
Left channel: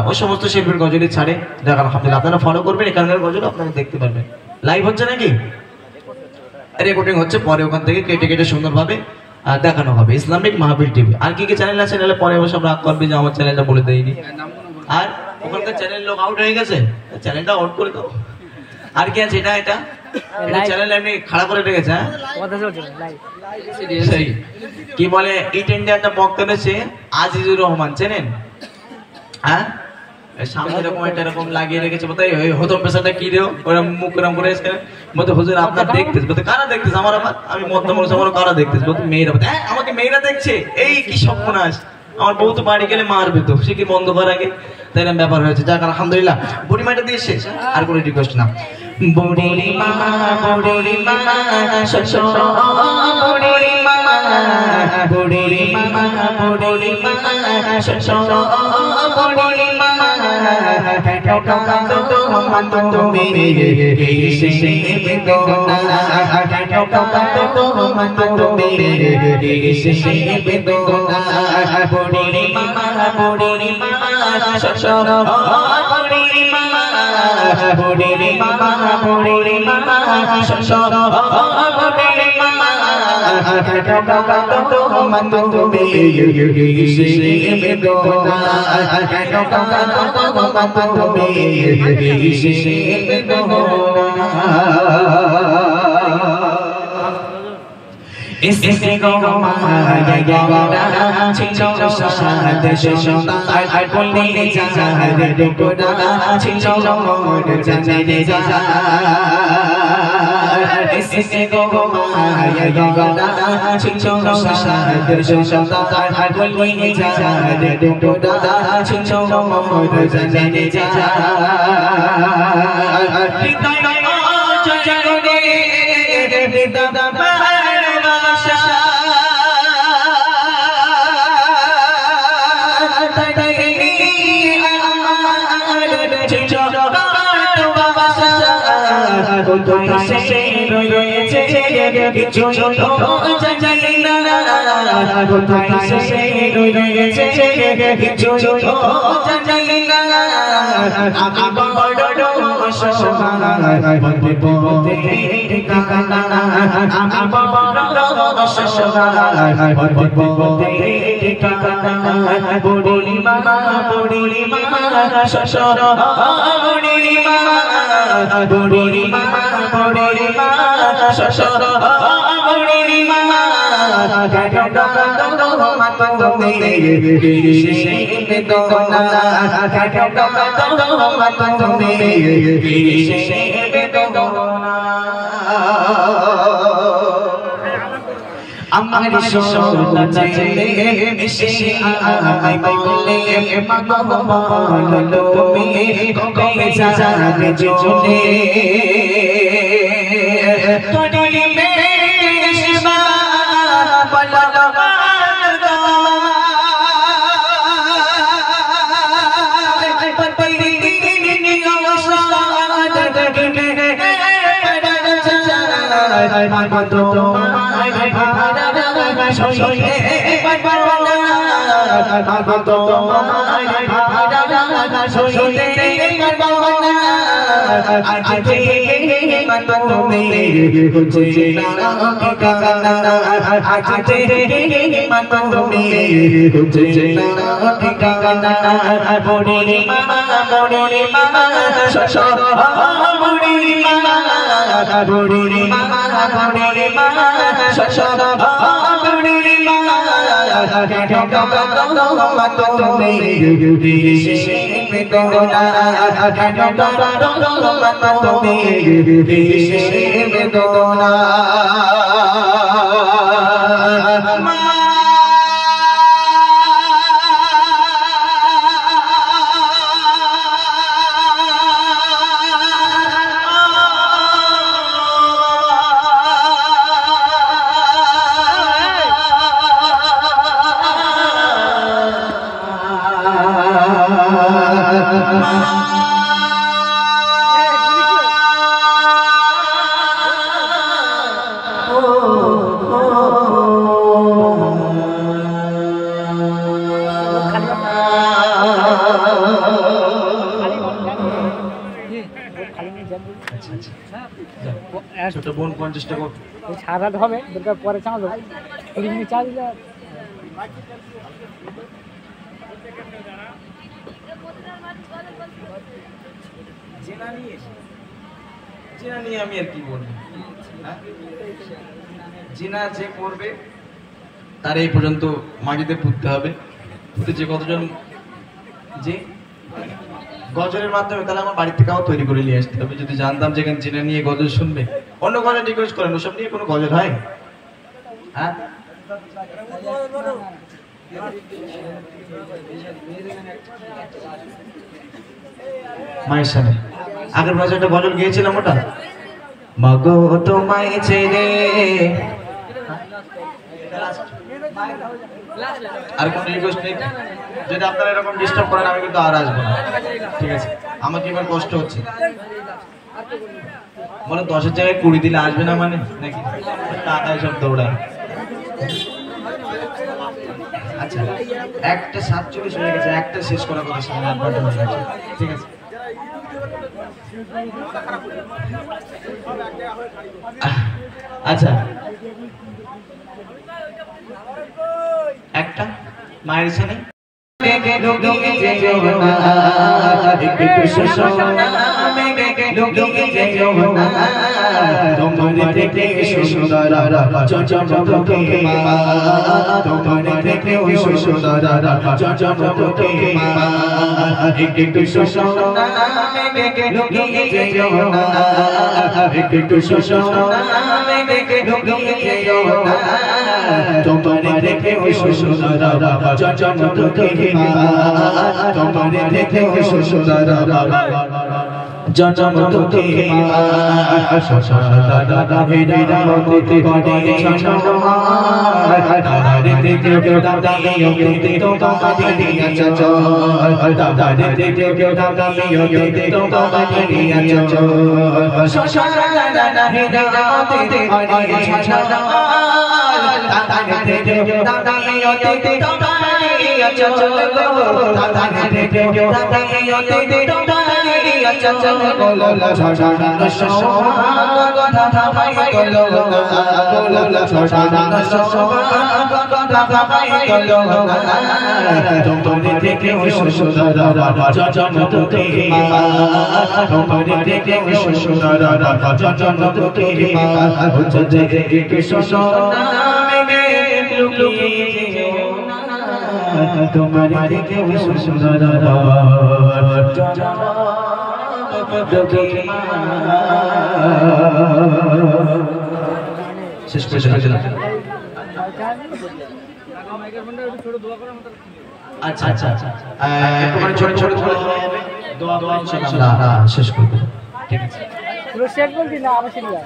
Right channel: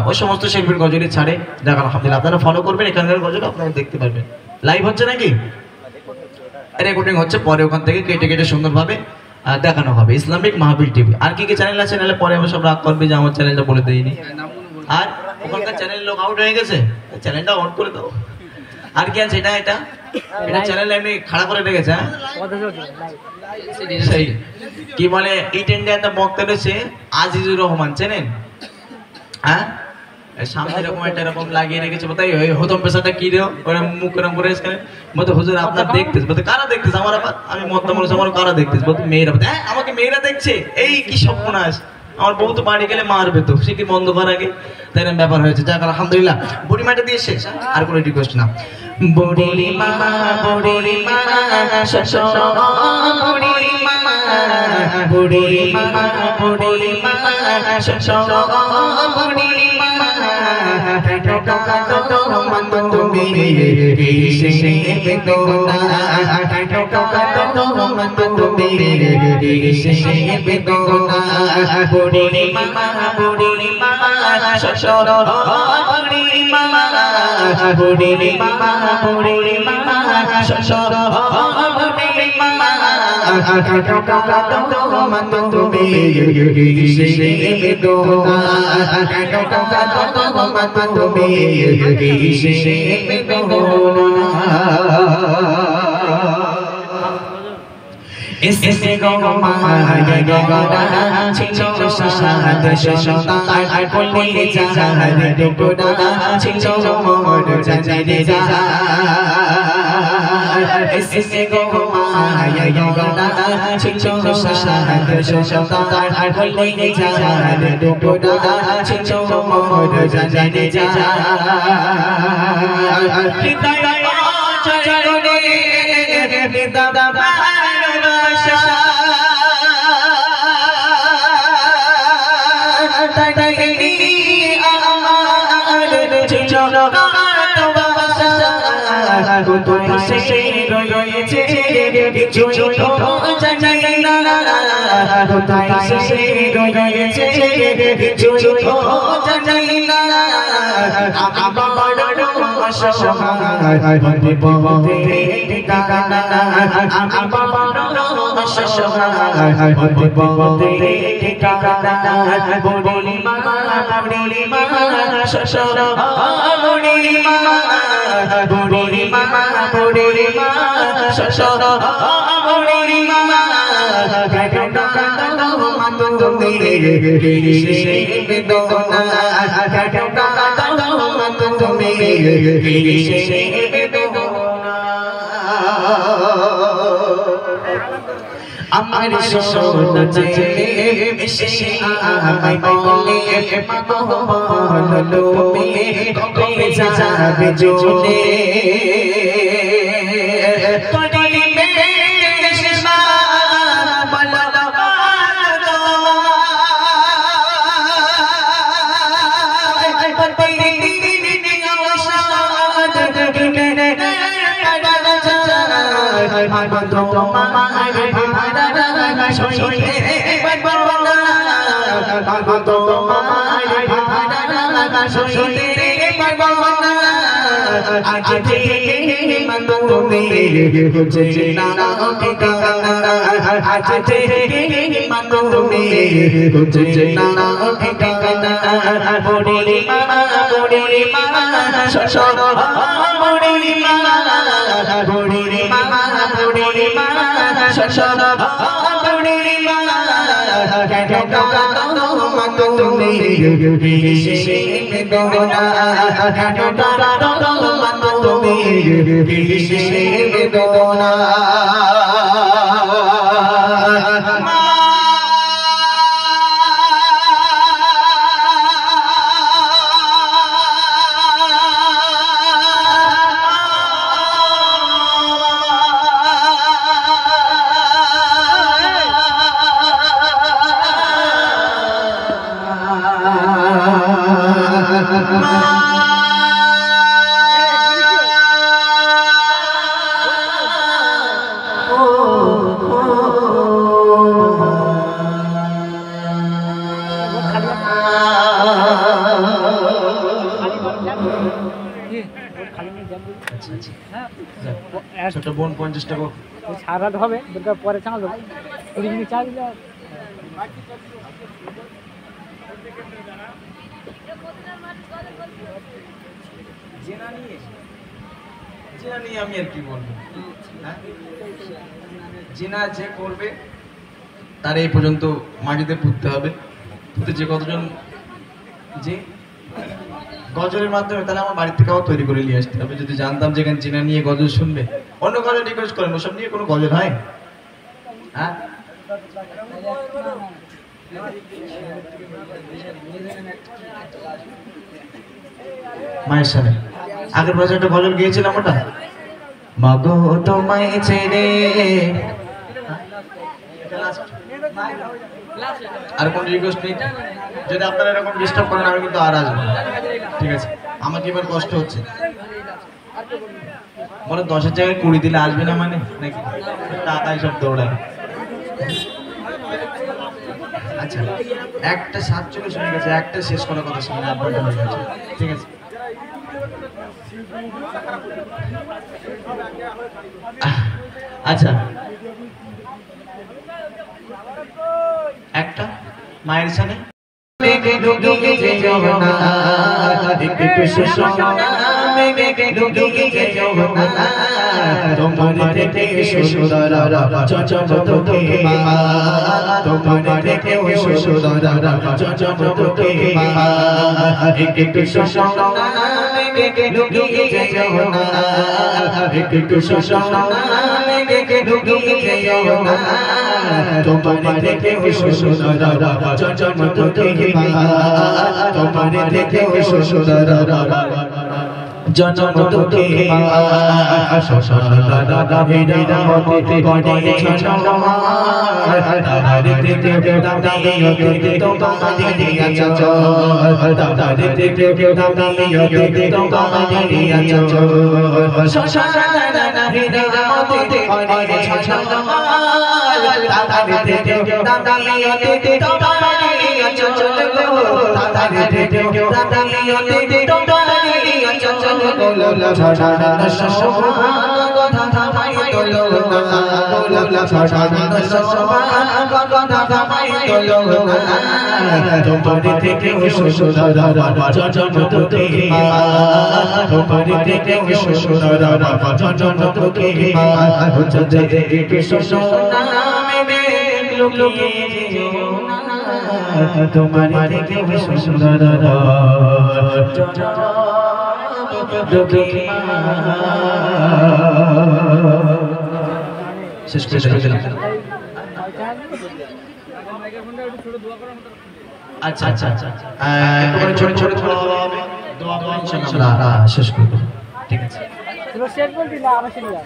ওই সমস্ত শিল্পীর গজলই ছাড়ে। যাক আলহামদুলিল্লাহ, আপনারা ফলো করবেন, এখানকার গজল আপনারা দেখতে পারবেন। লাইভ হচ্ছে নাকি রেকর্ডিং হচ্ছে, পরে ওখান থেকে কেটে কেটে সুন্দরভাবে দেখানো হবে। ইসলামিক মাহফিল টিভি। আর কি কি চ্যানেল আছে? নাহলে পরে সব রাগ করবে যে আমার চ্যানেলটা বলে দেয়নি। আর ওখানকার চ্যানেল লোক আউট হয়ে গেছে, চ্যানেলটা অন করে দাও। আর কি আছে? এটা এটা চ্যানেল এমনি খাড়া করে রেখেছে হ্যাঁ কথা চলছে লাইভ সেই কি বলে ইট ইন্ডিয়াতে বক্তা রয়েছে আজিজুর রহমান চেনেন হ্যাঁ এই সামনে এরকম এটা এরকম লাগিয়ে রেখেছে বলতে এই হতম পেশাটা কি রে ওরা মুখ এরকম করে এসে বলতে হুজুর আপনার দেখতেছ বলতে কারা দেখতেছ আমার আমি মধ্যম মানুষ আমার কারা দেখতেছ বলতে মেয়েরা বলতে হ্যাঁ আমাকে মেয়েরা দেখছে এই কি সর্বনাশ আমার বউ তো বাড়ি গেলে মারবে তো সে কি বন্ধ করার আগে তাই এরকম ব্যাপার হয়েছে যাক আলহামদুলিল্লাহ বুড়িমাটা দিয়ে শেষ আর কোনো রিকোয়েস্ট না বুড়িমা বুড়িমা শশো বুড়িমা বুড়িমা বুড়িমা শশো বুড়িমা টাটা কাটো মন তুমি সে বেদনা টাটা কাটো মন তুমি সে বেদনা বুড়িমা বুড়িমা শশো বুড়িমা বুড়িমা বুড়িমা শশো বুড়িমা টাটা কাটো মন তুমি সে বেদনা টাটা কাটো মন তুমি সে বেদনা ইসে গো মায়া গগনা ছিলো সাদ শোনা আর বলে জাহারে ডুবনা ছিলো মোর জানে যা ইসে গো মায়া গগনা ছিলো সাদ শোনা আর বলে জাহারে ডুবনা ছিলো মোর জানে যা হৃদয় জগনে হৃদয় সে রয়েছে কিছু জানি না সে রয়েছে কিছু জানি না আমি বড় অসহায় পথে ঠিকানা আমি বড় অসহায় পথে ঠিকানা বুড়িমা বুড়িমা শশো বুড়িমা বুড়িমা বুড়িমা শশো বুড়িমা টাটা কাটো মন তুমি সে বেদনা টাটা কাটো মন তুমি সে বেদনা আমার সোনা চলে মিশে আমায় বলে মাগো বলো তুমি কবে যাবে চলে তোরে বেশবা বলো ছোট বোন 50 টাকা ছাড়া হবে দরকার পরে চাঁদ 20 মিনিট চা দিলে জেনা নিয়ে জিনা নিয়ে আমি আর কি বলবো, হ্যাঁ? জিনা যে করবে তার এই পর্যন্ত মাটিতে পুঁততে হবে, পুঁতে যে কতজন যে গজলের মাধ্যমে, তাহলে আমার বাড়ি থেকেও তৈরি করে নিয়ে আসতে হবে। যদি জানতাম যে এখানে জিনা নিয়ে গজল শুনবে, অন্য গজল রিকোয়েস্ট করেন, ওসব নিয়ে কোনো গজল হয়? হ্যাঁ, মায়ের সাথে আগের বছর একটা গজল গিয়েছিলাম, ওটা মাগো তোমায় ছেড়ে। আর কোন রিকোয়েস্ট নেই? যদি আপনারা এরকম ডিস্টার্ব করেন আমি কিন্তু আর আসবো না, ঠিক আছে? আমাকে এবার কষ্ট হচ্ছে, বলে 10-এর জায়গায় 20 দিলে আসবে না মানে নাকি টাকায় সব দৌড়ায়। আচ্ছা, 1:47 হয়ে গেছে, একটা শেষ করার কথা ছিল, 8 ঘন্টা হয়ে গেছে, ঠিক আছে? আচ্ছা, একটা মায়ের সামনে তোমার দেখে সুন্দরা জজমত মা, তোমার দেখে সুন্দরা জজমত মা, সসরা দাদা হেরা মতে বড়ে ছছমা, দাদা দেখে দাদা ইয়তে তোমার দিয়া চচ, দাদা দেখে দাদা ইয়তে তোমার দিয়া চচ, সসরা দাদা হেরা মতে বড়ে ছছমা, দাদা দেখে দাদা ইয়তে তোমার দিয়া চচ, দাদা দেখে দাদা ইয়তে তোমার দিয়া চচ, গোলা ছড়ানা সসমা কথা ভাই তোলো না, গোলা ছড়ানা সসমা কথা ভাই তোলো না, তোমার থেকে সুন্দরা জজমত মা, তোমার থেকে সুন্দরা জজমত মা, হচ্ছে দেখে সুন্দরা তোমার থেকে সুন্দরা শেষ করে দিলাম। আচ্ছা আচ্ছা আচ্ছা, একটুখানি ছোট ছোট দোয়া করে ইনশাআল্লাহ শেষ করে দেব, ঠিক আছে? শেষ করে দিলা আবার শুরু কর।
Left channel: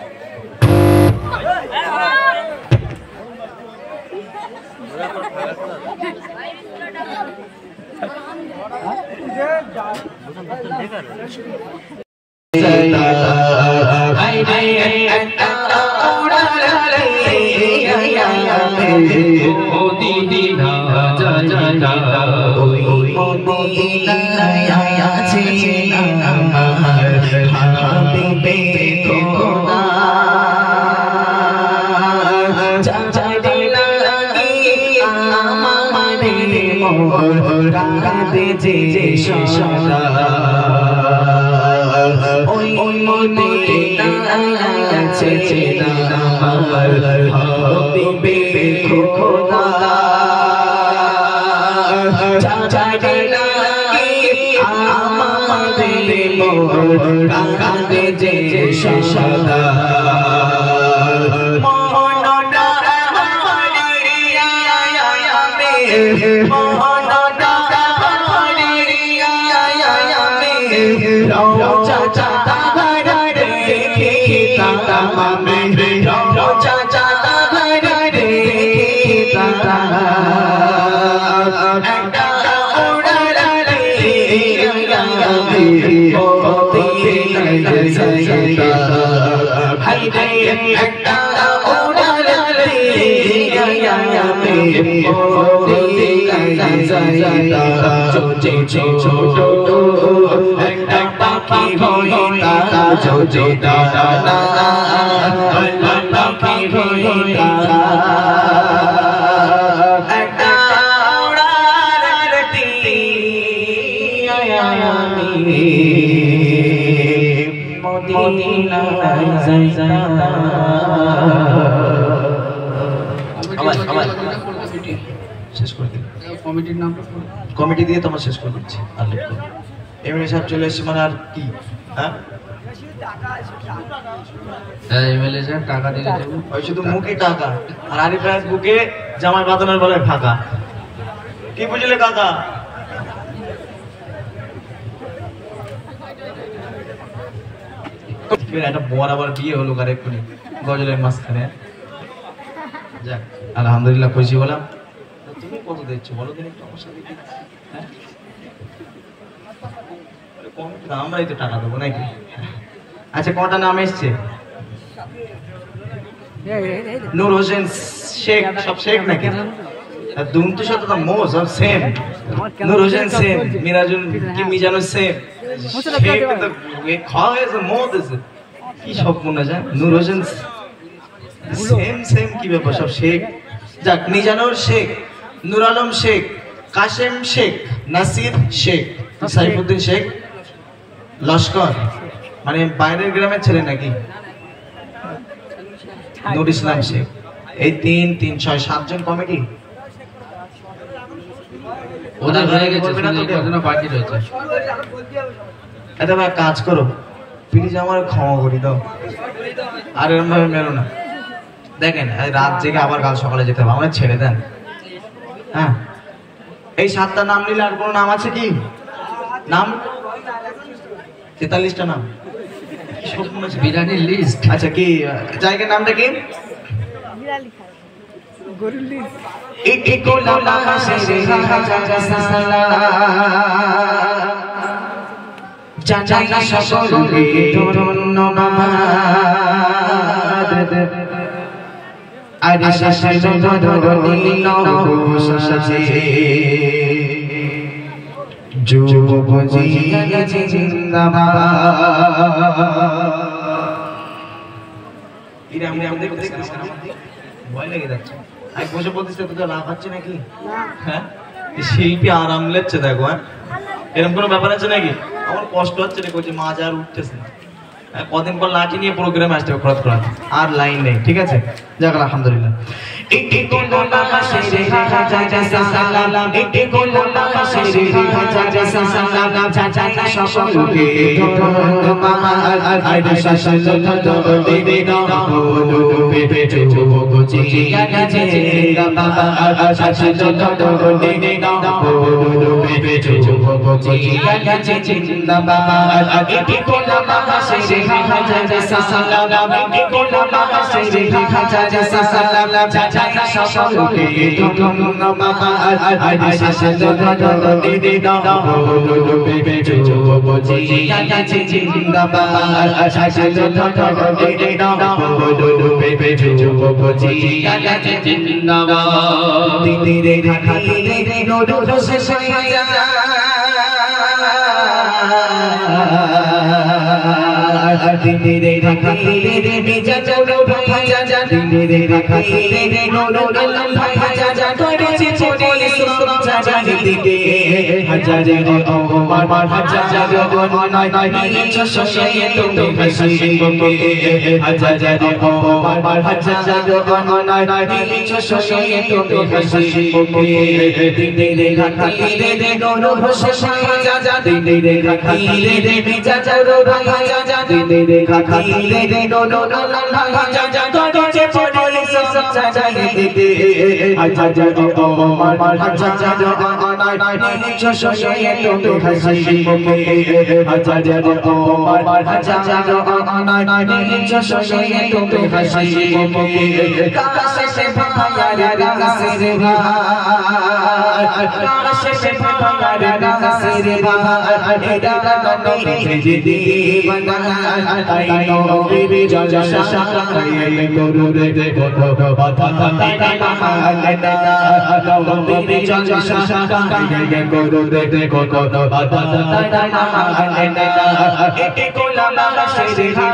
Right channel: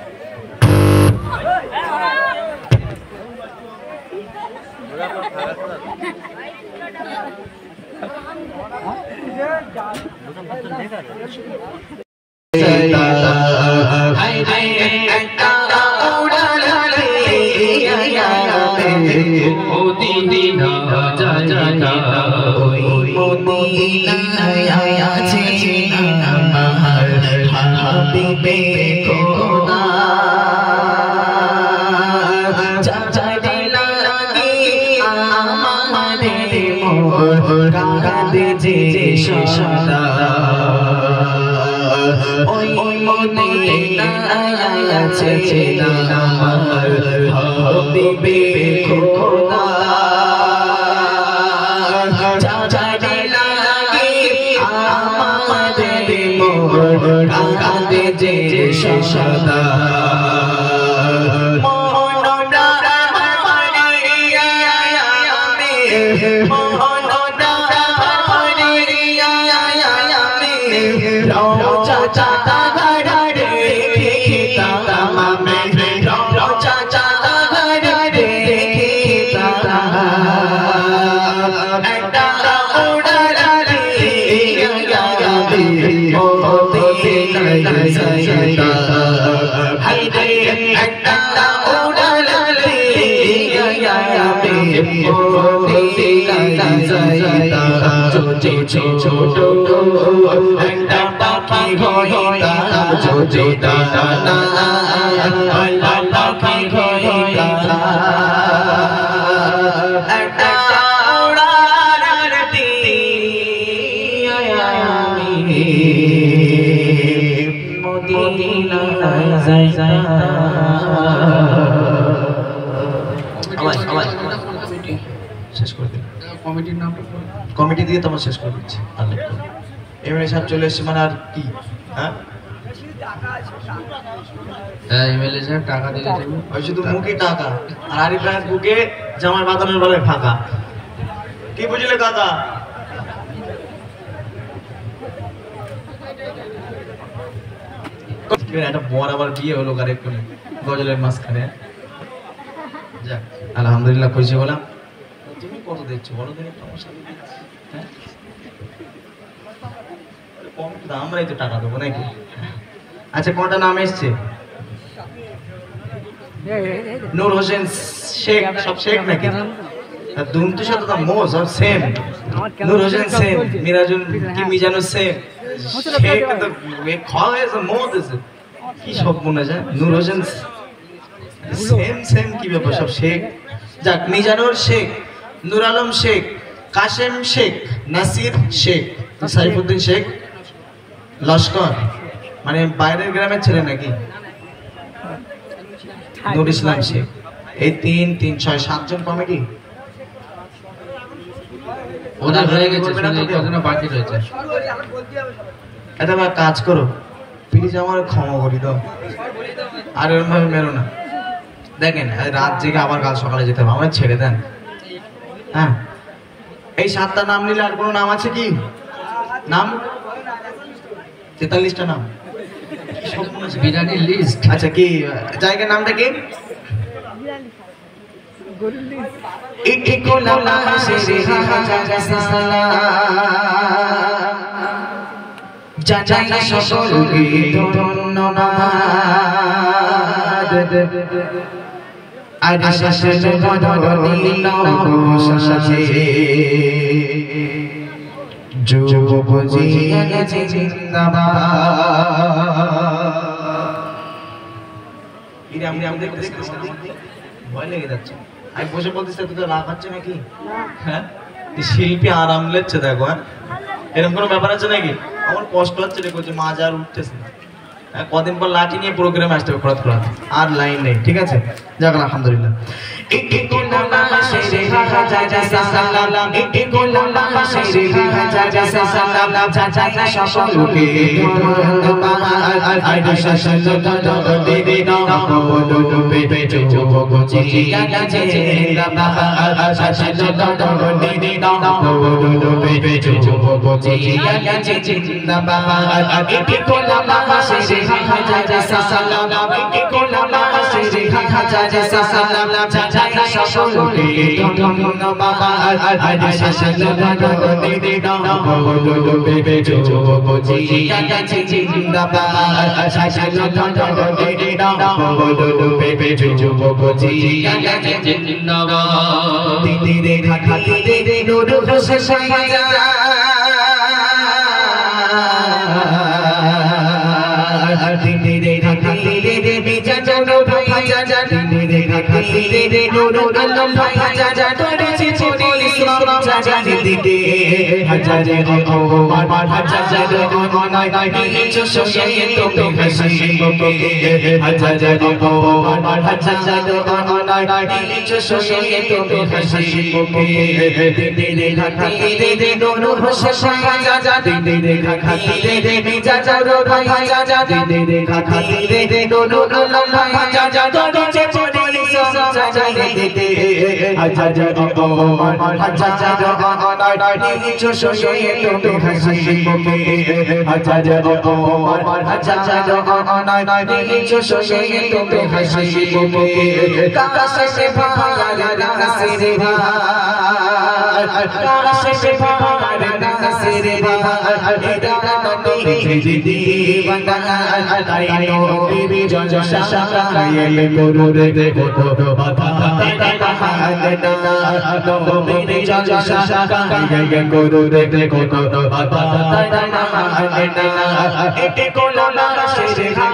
মদিনা শেষ করে দিন কমিটির নামটা কমিটি দিয়ে তোমার শেষ করে দিচ্ছি আর লিখবো না। এমএলএ সাহেব চলে এসছে মানে আর কি হ্যাঁ এমএলএ সাহেব টাকা দিলে দেবো। ওই শুধু মুখে টাকা আর আরিফ ভাইয়ের বুকে জামাই বাঁধানোর বেলায় ফাঁকা কি বুঝলে কাকা একটা বর আবার বিয়ে হলো কার এক্ষুনি গজলের মাঝখানে যাক আলহামদুলিল্লাহ খুশি হলাম তুমি কত দিচ্ছ বলো দিন একটু আমার সাথে দিচ্ছি হ্যাঁ কম আমরাই তো টাকা দেবো নাকি আচ্ছা কটা নাম এসছে নূর হোসেন শেখ সব শেখ নাকি দুমতুর সাথে তো মো সব সেম নূর হোসেন সেম মিরাজুল কি মিজানুর সেম শেখ তো খাওয়া হয়েছে মো দিয়েছে কি সব মনে যায় নূর হোসেন সেম সেম কি ব্যাপার সব শেখ যাক মিজানুর শেখ নূর আলম শেখ কাশেম শেখ নাসির শেখ সাইফুদ্দিন শেখ লস্কর মানে বাইরের গ্রামের ছেলে নাকি নূর ইসলাম শেখ এই 3 3 6 7 জন কমিটি ওদের হয়ে গেছে কতজন বাকি রয়েছে এটা ভাই কাজ করো প্লিজ আমার ক্ষমা করে দাও আর এরকম ভাবে মেরো না দেখেন রাত জেগে আবার কাল সকালে যেতে হবে আমার ছেড়ে দেন হ্যাঁ এই 7টা নাম নিলে আর কোনো নাম আছে কি নাম 43টা নাম বিরিয়ানির লিস্ট আচ্ছা কি জায়গার নামটা কি ভয় লেগে যাচ্ছে এক বছর বলতেছে তো লাভ হচ্ছে নাকি হ্যাঁ শিল্পী আরাম লেচ্ছে দেখো হ্যাঁ এরকম কোনো ব্যাপার আছে নাকি আমার কষ্ট হচ্ছে রে করছে মাছ আর উঠতেছে না কদিন পর লাঠি নিয়ে প্রোগ্রামে আসতে হবে খরচ করা আর লাইন নেই ঠিক আছে যাক আলহামদুলিল্লাহ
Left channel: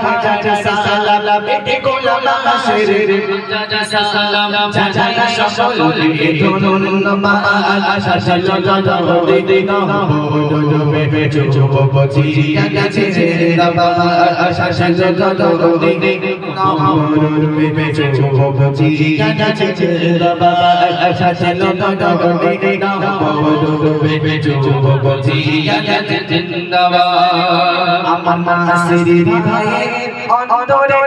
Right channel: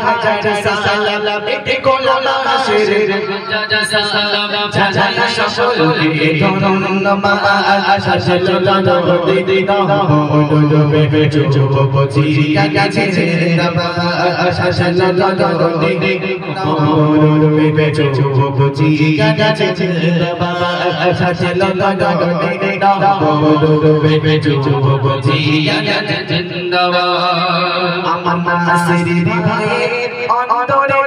হাজার সালাম এতে গোলাম শের সালাম জানাই সকলকে ধন্যবাদ সালাম দিন ডুবে যুবতী কাছে জিন্দাবাদ সালাম দিন ডুবে যুবতী কাছে জিন্দাবাদ সালাম দিন ডুবে যুবতী কাছে জিন্দাবাদ আমার নাসির ভাইয়ের অন্তরে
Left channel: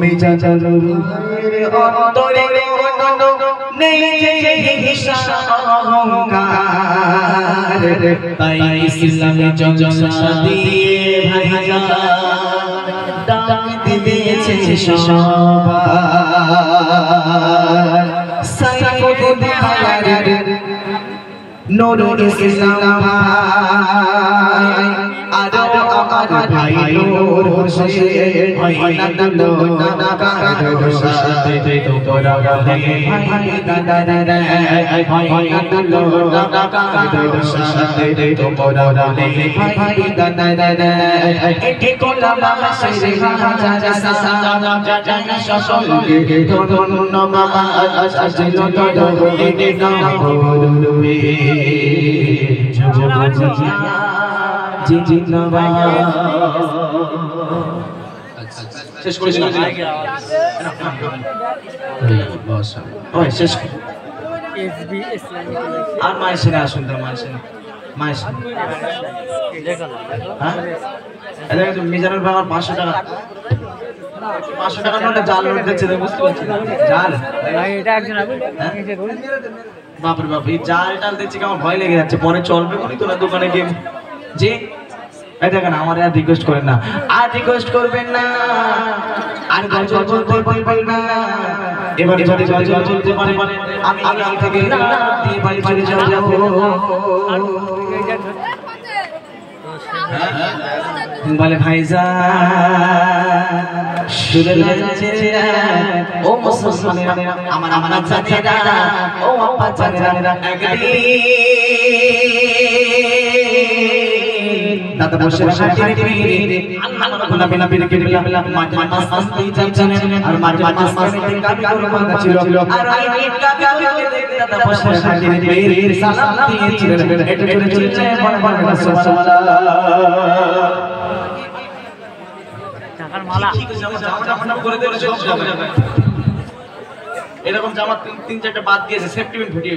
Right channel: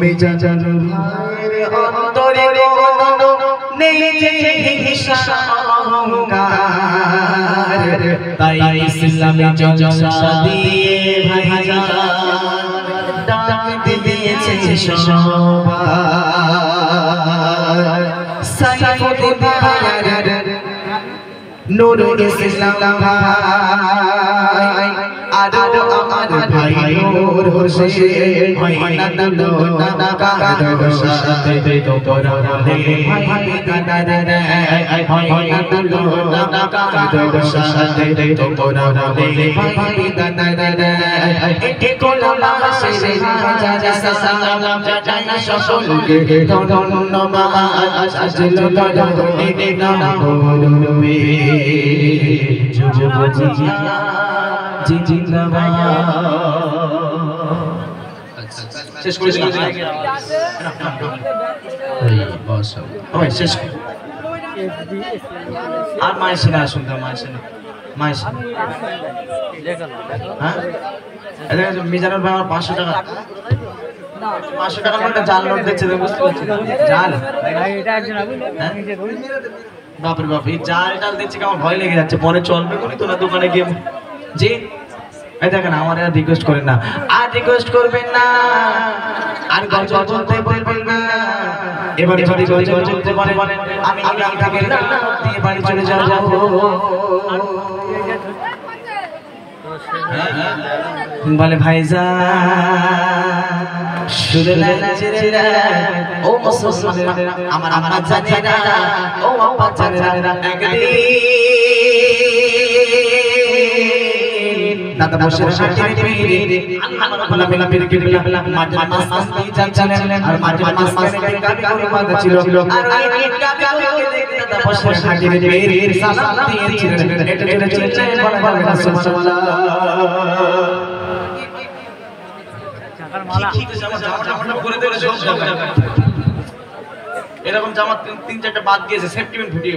মিজানুর ভাইয়ের অন্তরে নেই যে অহংকার তাই ইসলামে জলসা দিয়ে ভাইজান ডাক দিয়েছে সবার সাইফুদ্দিন ভাইয়ের নূরুল ইসলাম ভাই আরো আমার ভাই নূর হোসেন ভাই নানা কাদের সাথে তোরা রে ভাই দাদা রে ভাই নানা কাদের সাথে তোরা রে ভাই দাদা রে একে গোলাম শেরে হাজার সালাম জানাই সকলকে ধন্যবাদ সাজলো দরদে নাম ডুবে যুবতী জিন্দাবাদ শেষ করেছিলাম ওই শেষ আর মায়ের সিনে আসুন তো মায়ের সিনে হ্যাঁ এটা মিজানুর ভাই আমার 500 টাকা 500 টাকা নোটে জাল নোট দিচ্ছে বুঝতে পারছি না জাল বাপরে বাপ এই জাল টাল দিচ্ছে আমার ভয় লেগে যাচ্ছে পরে চলবে কোনি তোরা দোকানে গিয়ে জি এই দেখেন আমার আর রিকোয়েস্ট করেন না আর রিকোয়েস্ট করবেন না আর গজল বলতে বলবেন না এবার যদি গজল চলতে পারে আমি আগাম থেকে দিয়ে বাড়ি চলে যাব বলে ভাইজান শুনে লাগছে ও মুসলমানেরা আমার আম্মা জানেরা ও আব্বা জানেরা একদিন দাদা বসে হাঁটতে পেরে আল্লাহ বিনা পেরে কেটে গেল মাঠে মাছ দিয়ে যাচ্ছিলেন আর মাঠে মাছ খেতে কাবি করে বাঁধা ছিল আর ওই কাবি করে দাদা বসে হাঁটতে পেরে সালাম দিয়েছিলেন এটা চলে চলে যায় বড় বড় সুবহানাল্লাহ এরকম জামা 3-4টা বাদ দিয়েছে সেফটিমেন্ট ফুটিয়ে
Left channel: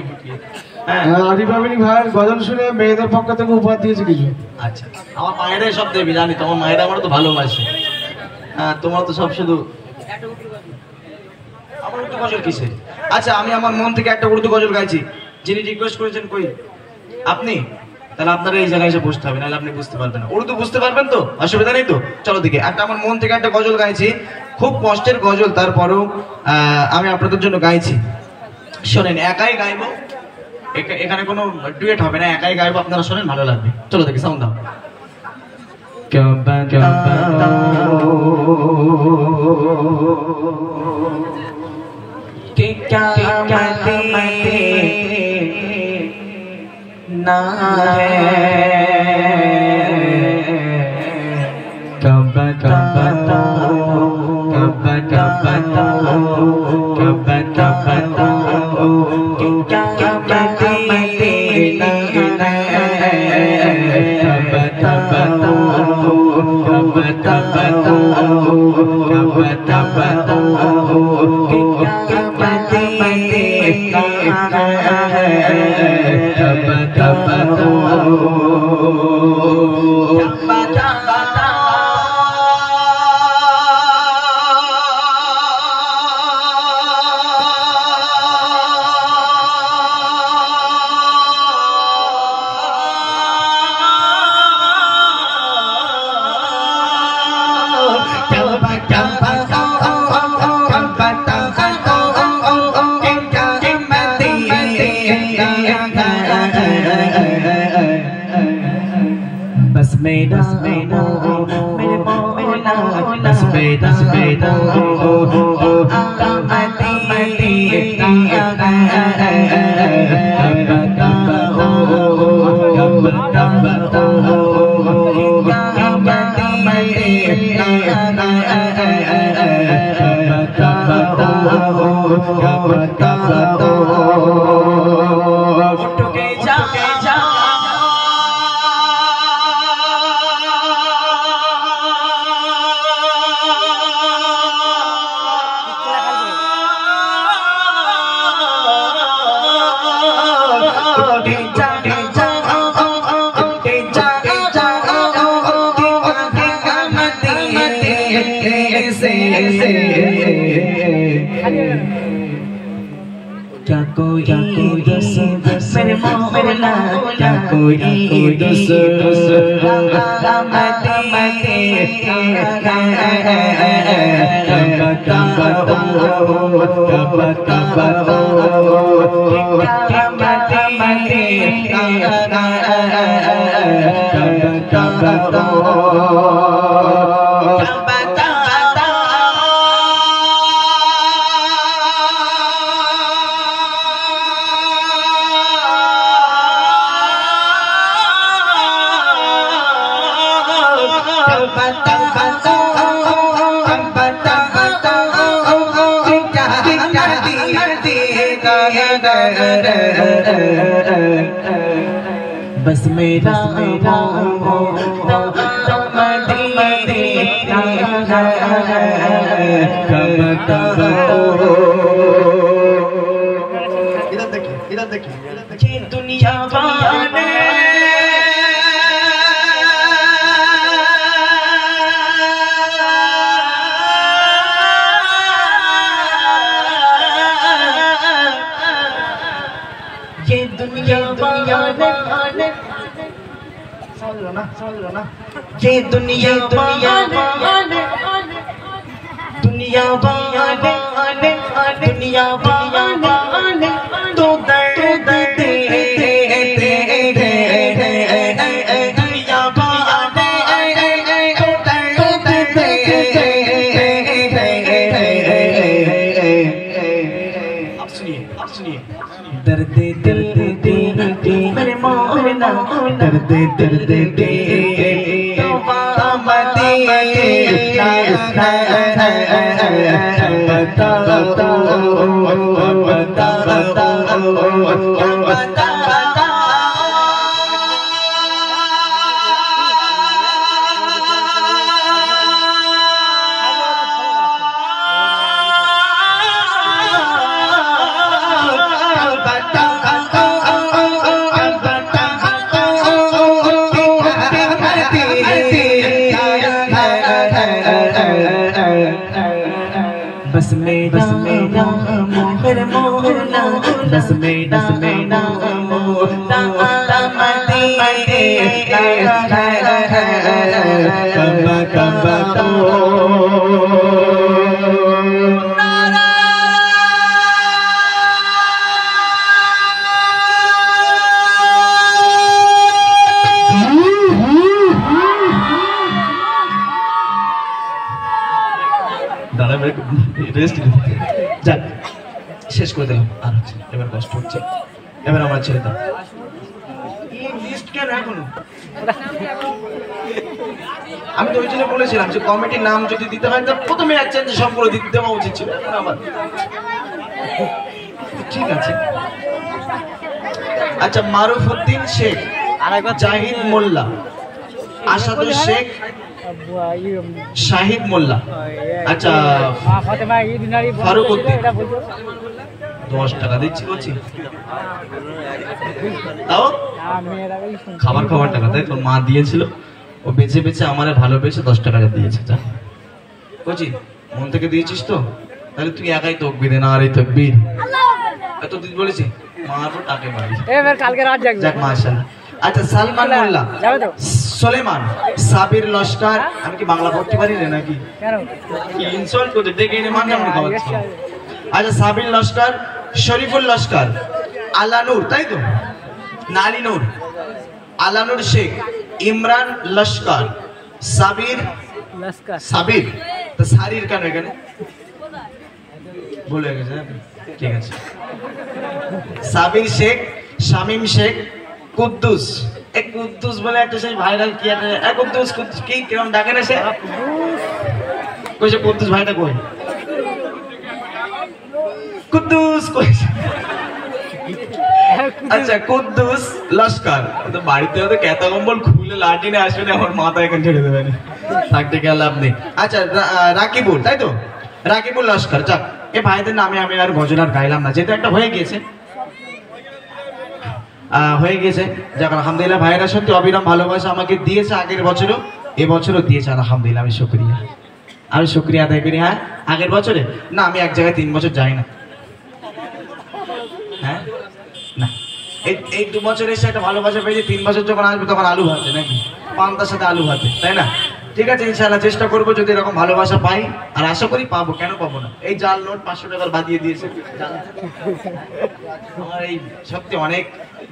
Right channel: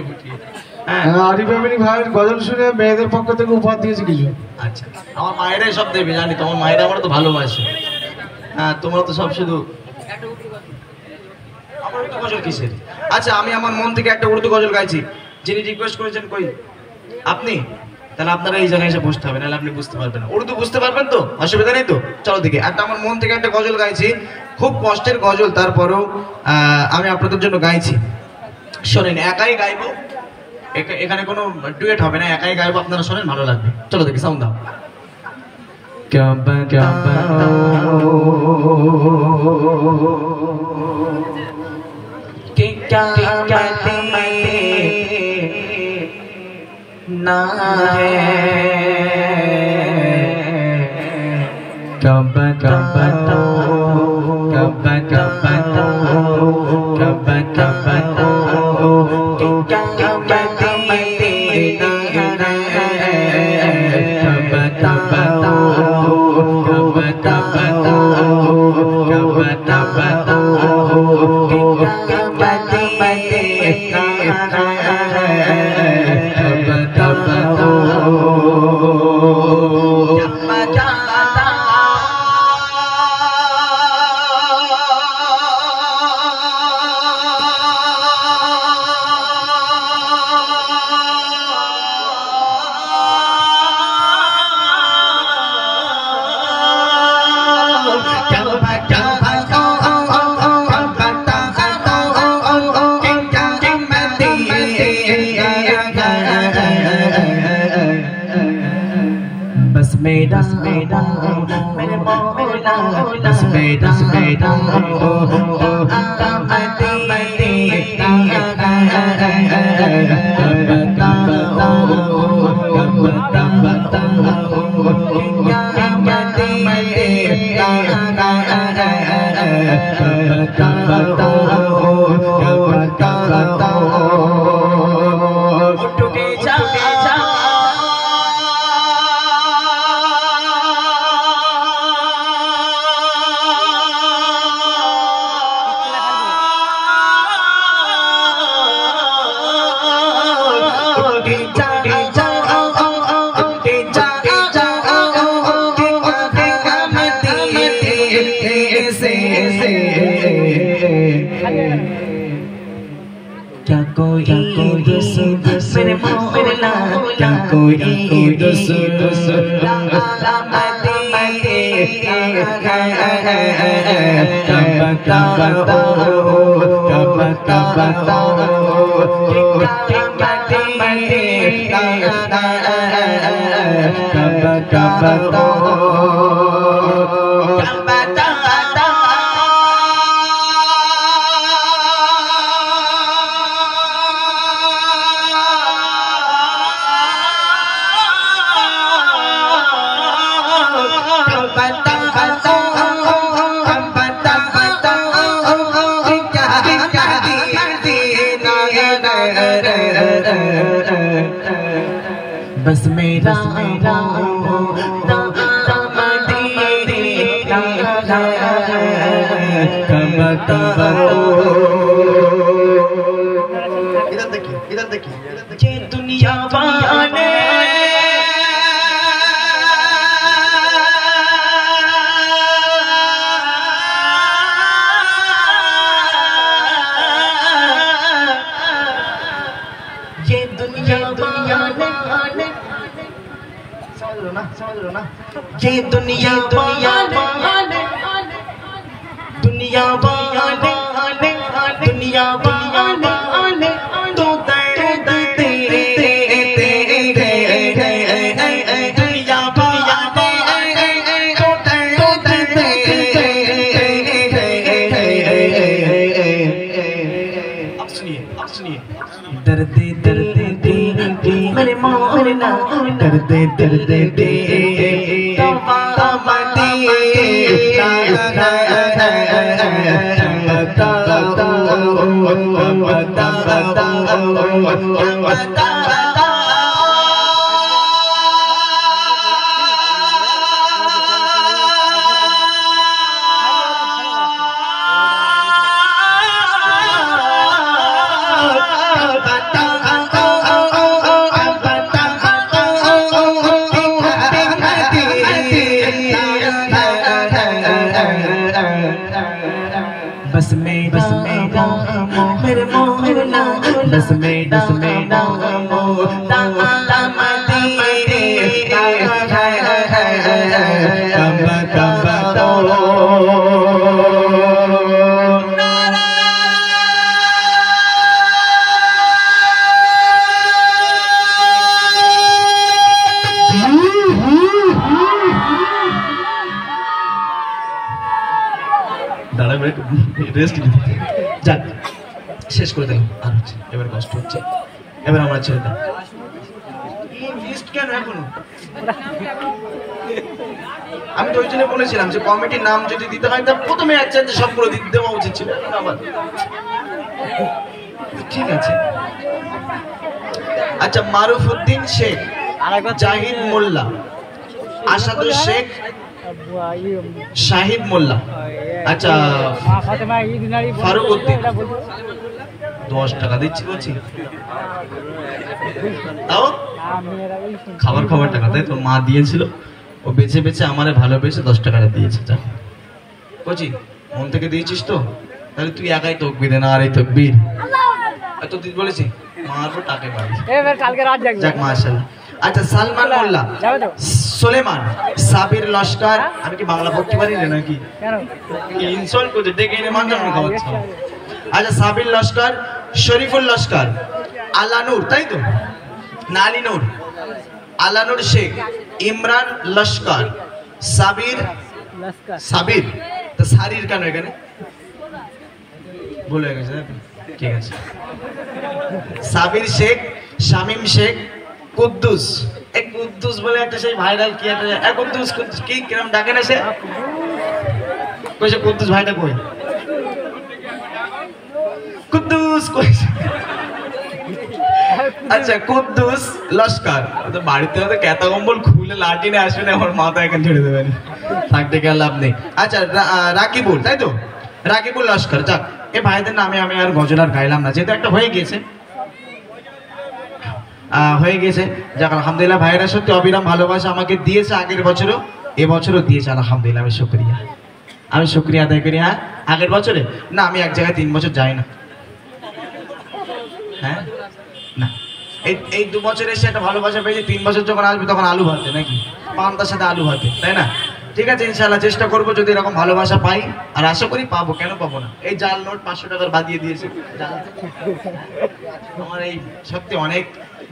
আরিফ আমিনী ভাইয়ের গজল শুনে মেয়েদের পক্ষ থেকে উপহার দিয়েছে কিছু। আচ্ছা আমার মায়েরাই সব দেবে জানি তোমার মায়েরা আমার তো ভালোবাসে হ্যাঁ তোমার তো সব শুধু আমার উর্দু গজল কিসের আচ্ছা আমি আমার মন থেকে একটা উর্দু গজল গাইছি যিনি রিকোয়েস্ট করেছেন কই আপনি তাহলে আপনারা এই জায়গায় এসে বসতে হবে নাহলে আপনি বুঝতে পারবেন না উর্দু বুঝতে পারবেন তো অসুবিধা নেই তো চলো দিকে একটা আমার মন থেকে একটা গজল গাইছি খুব কষ্টের গজল তারপরেও আমি আপনাদের জন্য গাইছি শোনেন একাই গাইবো এখানে কোনো ডুয়েট হবে না একাই গাইবো আপনারা শোনেন ভালো লাগবে চলো দেখি সাউন্ড দাও ना है कब कब कब कब कब कब क्या बातें ना है कब कब कब कब कब कब क्या बातें ना है मेरा मेरा मेरे मौला दस मेरा मेरा मेरे मौला क्या कोई रस बस मेरा इधर देखिए ये दुनिया वाले ये दुनिया वाले समझ लो ना ये दुनिया वाले दुनिया वाले तो दर्द तेरे दुनिया वाले तो दर्द तेरे अब सुनिए दर्द दिल मेरे मौला दर्द बस मेरा मेरे मौला बस मेरा मौला রেস্ট যাক শেষ করে দিলাম আর এবার কষ্ট হচ্ছে এবার আমার ছেড়ে দাও লিস্ট কেন এখনো আমি তো ওই জন্য বলেছিলাম যে কমিটির নাম যদি দিতে হয় তাহলে প্রথমে একজন সবগুলো দিতে দেওয়া উচিত ছিল আবার ঠিক আছে আচ্ছা মারুফউদ্দিন শেখ জাহিদ মোল্লা আসাদুল শেখ শাহিদ মোল্লা আচ্ছা ফারুক উদ্দিন 10 টাকা দিচ্ছি বলছি তাও খাবার টাকা তাই তোর মা দিয়েছিল ও বেঁচে বেঁচে আমারে ভালোবেসে 10 টাকাটা দিয়েছে যা বলছি মন থেকে দিয়েছিস তো তাহলে তুই একাই তকবীর না আর এই তকবীর এত দিন বলেছি মারবো তাকে বাড়ি কালকে রাত জাগবে যাক মাশাআল্লাহ আচ্ছা সালমান মোল্লা সুলেমান সাবির লস্কর আমি কি বাংলা পড়তে পারি না নাকি কেন কি ইনসল্ট করে ডেকে এনে মানলাম না খাওয়াচ্ছি আচ্ছা সাবির লস্কর শরীফুল লস্কর আলানুর তাই তো নালি নূর আলানুর শেখ ইমরান লস্কর সাবির তো সারির কেন এখানে ভুল হয়ে গেছে ঠিক আছে সাবির শেখ শামিম শেখ কুদ্দুস এক কুদ্দুস বলে একটা সেই ভাইরাল কি একটা এক কুদ্দুস কি কিরম ডাকে না সে কইছে কুদ্দুস ভাইটা কই কুদ্দুস কই আচ্ছা কুদ্দুস লস্কর তো বাড়িতে তো কেতা কম্বল খুলে লাঠি নিয়ে আসবে না আমার মাথা এখানে ছেড়ে দেবে না থাকতে গেলে লাভ নেই আচ্ছা রাকিবুল তাই তো রাকিবুল লস্কর যাক এই ভাইদের নামে আমি আর গজল আর গাইলাম না যেহেতু একটা হয়ে গিয়েছে যাক আলহামদুলিল্লাহ ভাইরা সত্যি অবিরাম ভালোবাসা আমাকে দিয়েছে আগের বছরও এবছরও দিয়েছে আলহামদুলিল্লাহ আমি শুকরিয়া আদায় করি হ্যাঁ আগের বছরে না আমি এক জায়গায় 3 বছর যাই না হ্যাঁ না, এই 2 বছর এসে একটা ভালোবাসা পেয়েছি, 3 বছর যখন আসবে তখন আলু ভাতে নাকি, পান্তার সাথে আলু ভাতে, তাই না? ঠিক আছে, ইনশাআল্লাহ চেষ্টা করবো যদি এরকম ভালোবাসা পাই, আর আশা করি পাবো, কেন পাবো না। এই জাল নোট 500 টাকার বাদিয়ে দিয়েছে আমার, এই সত্যি অনেক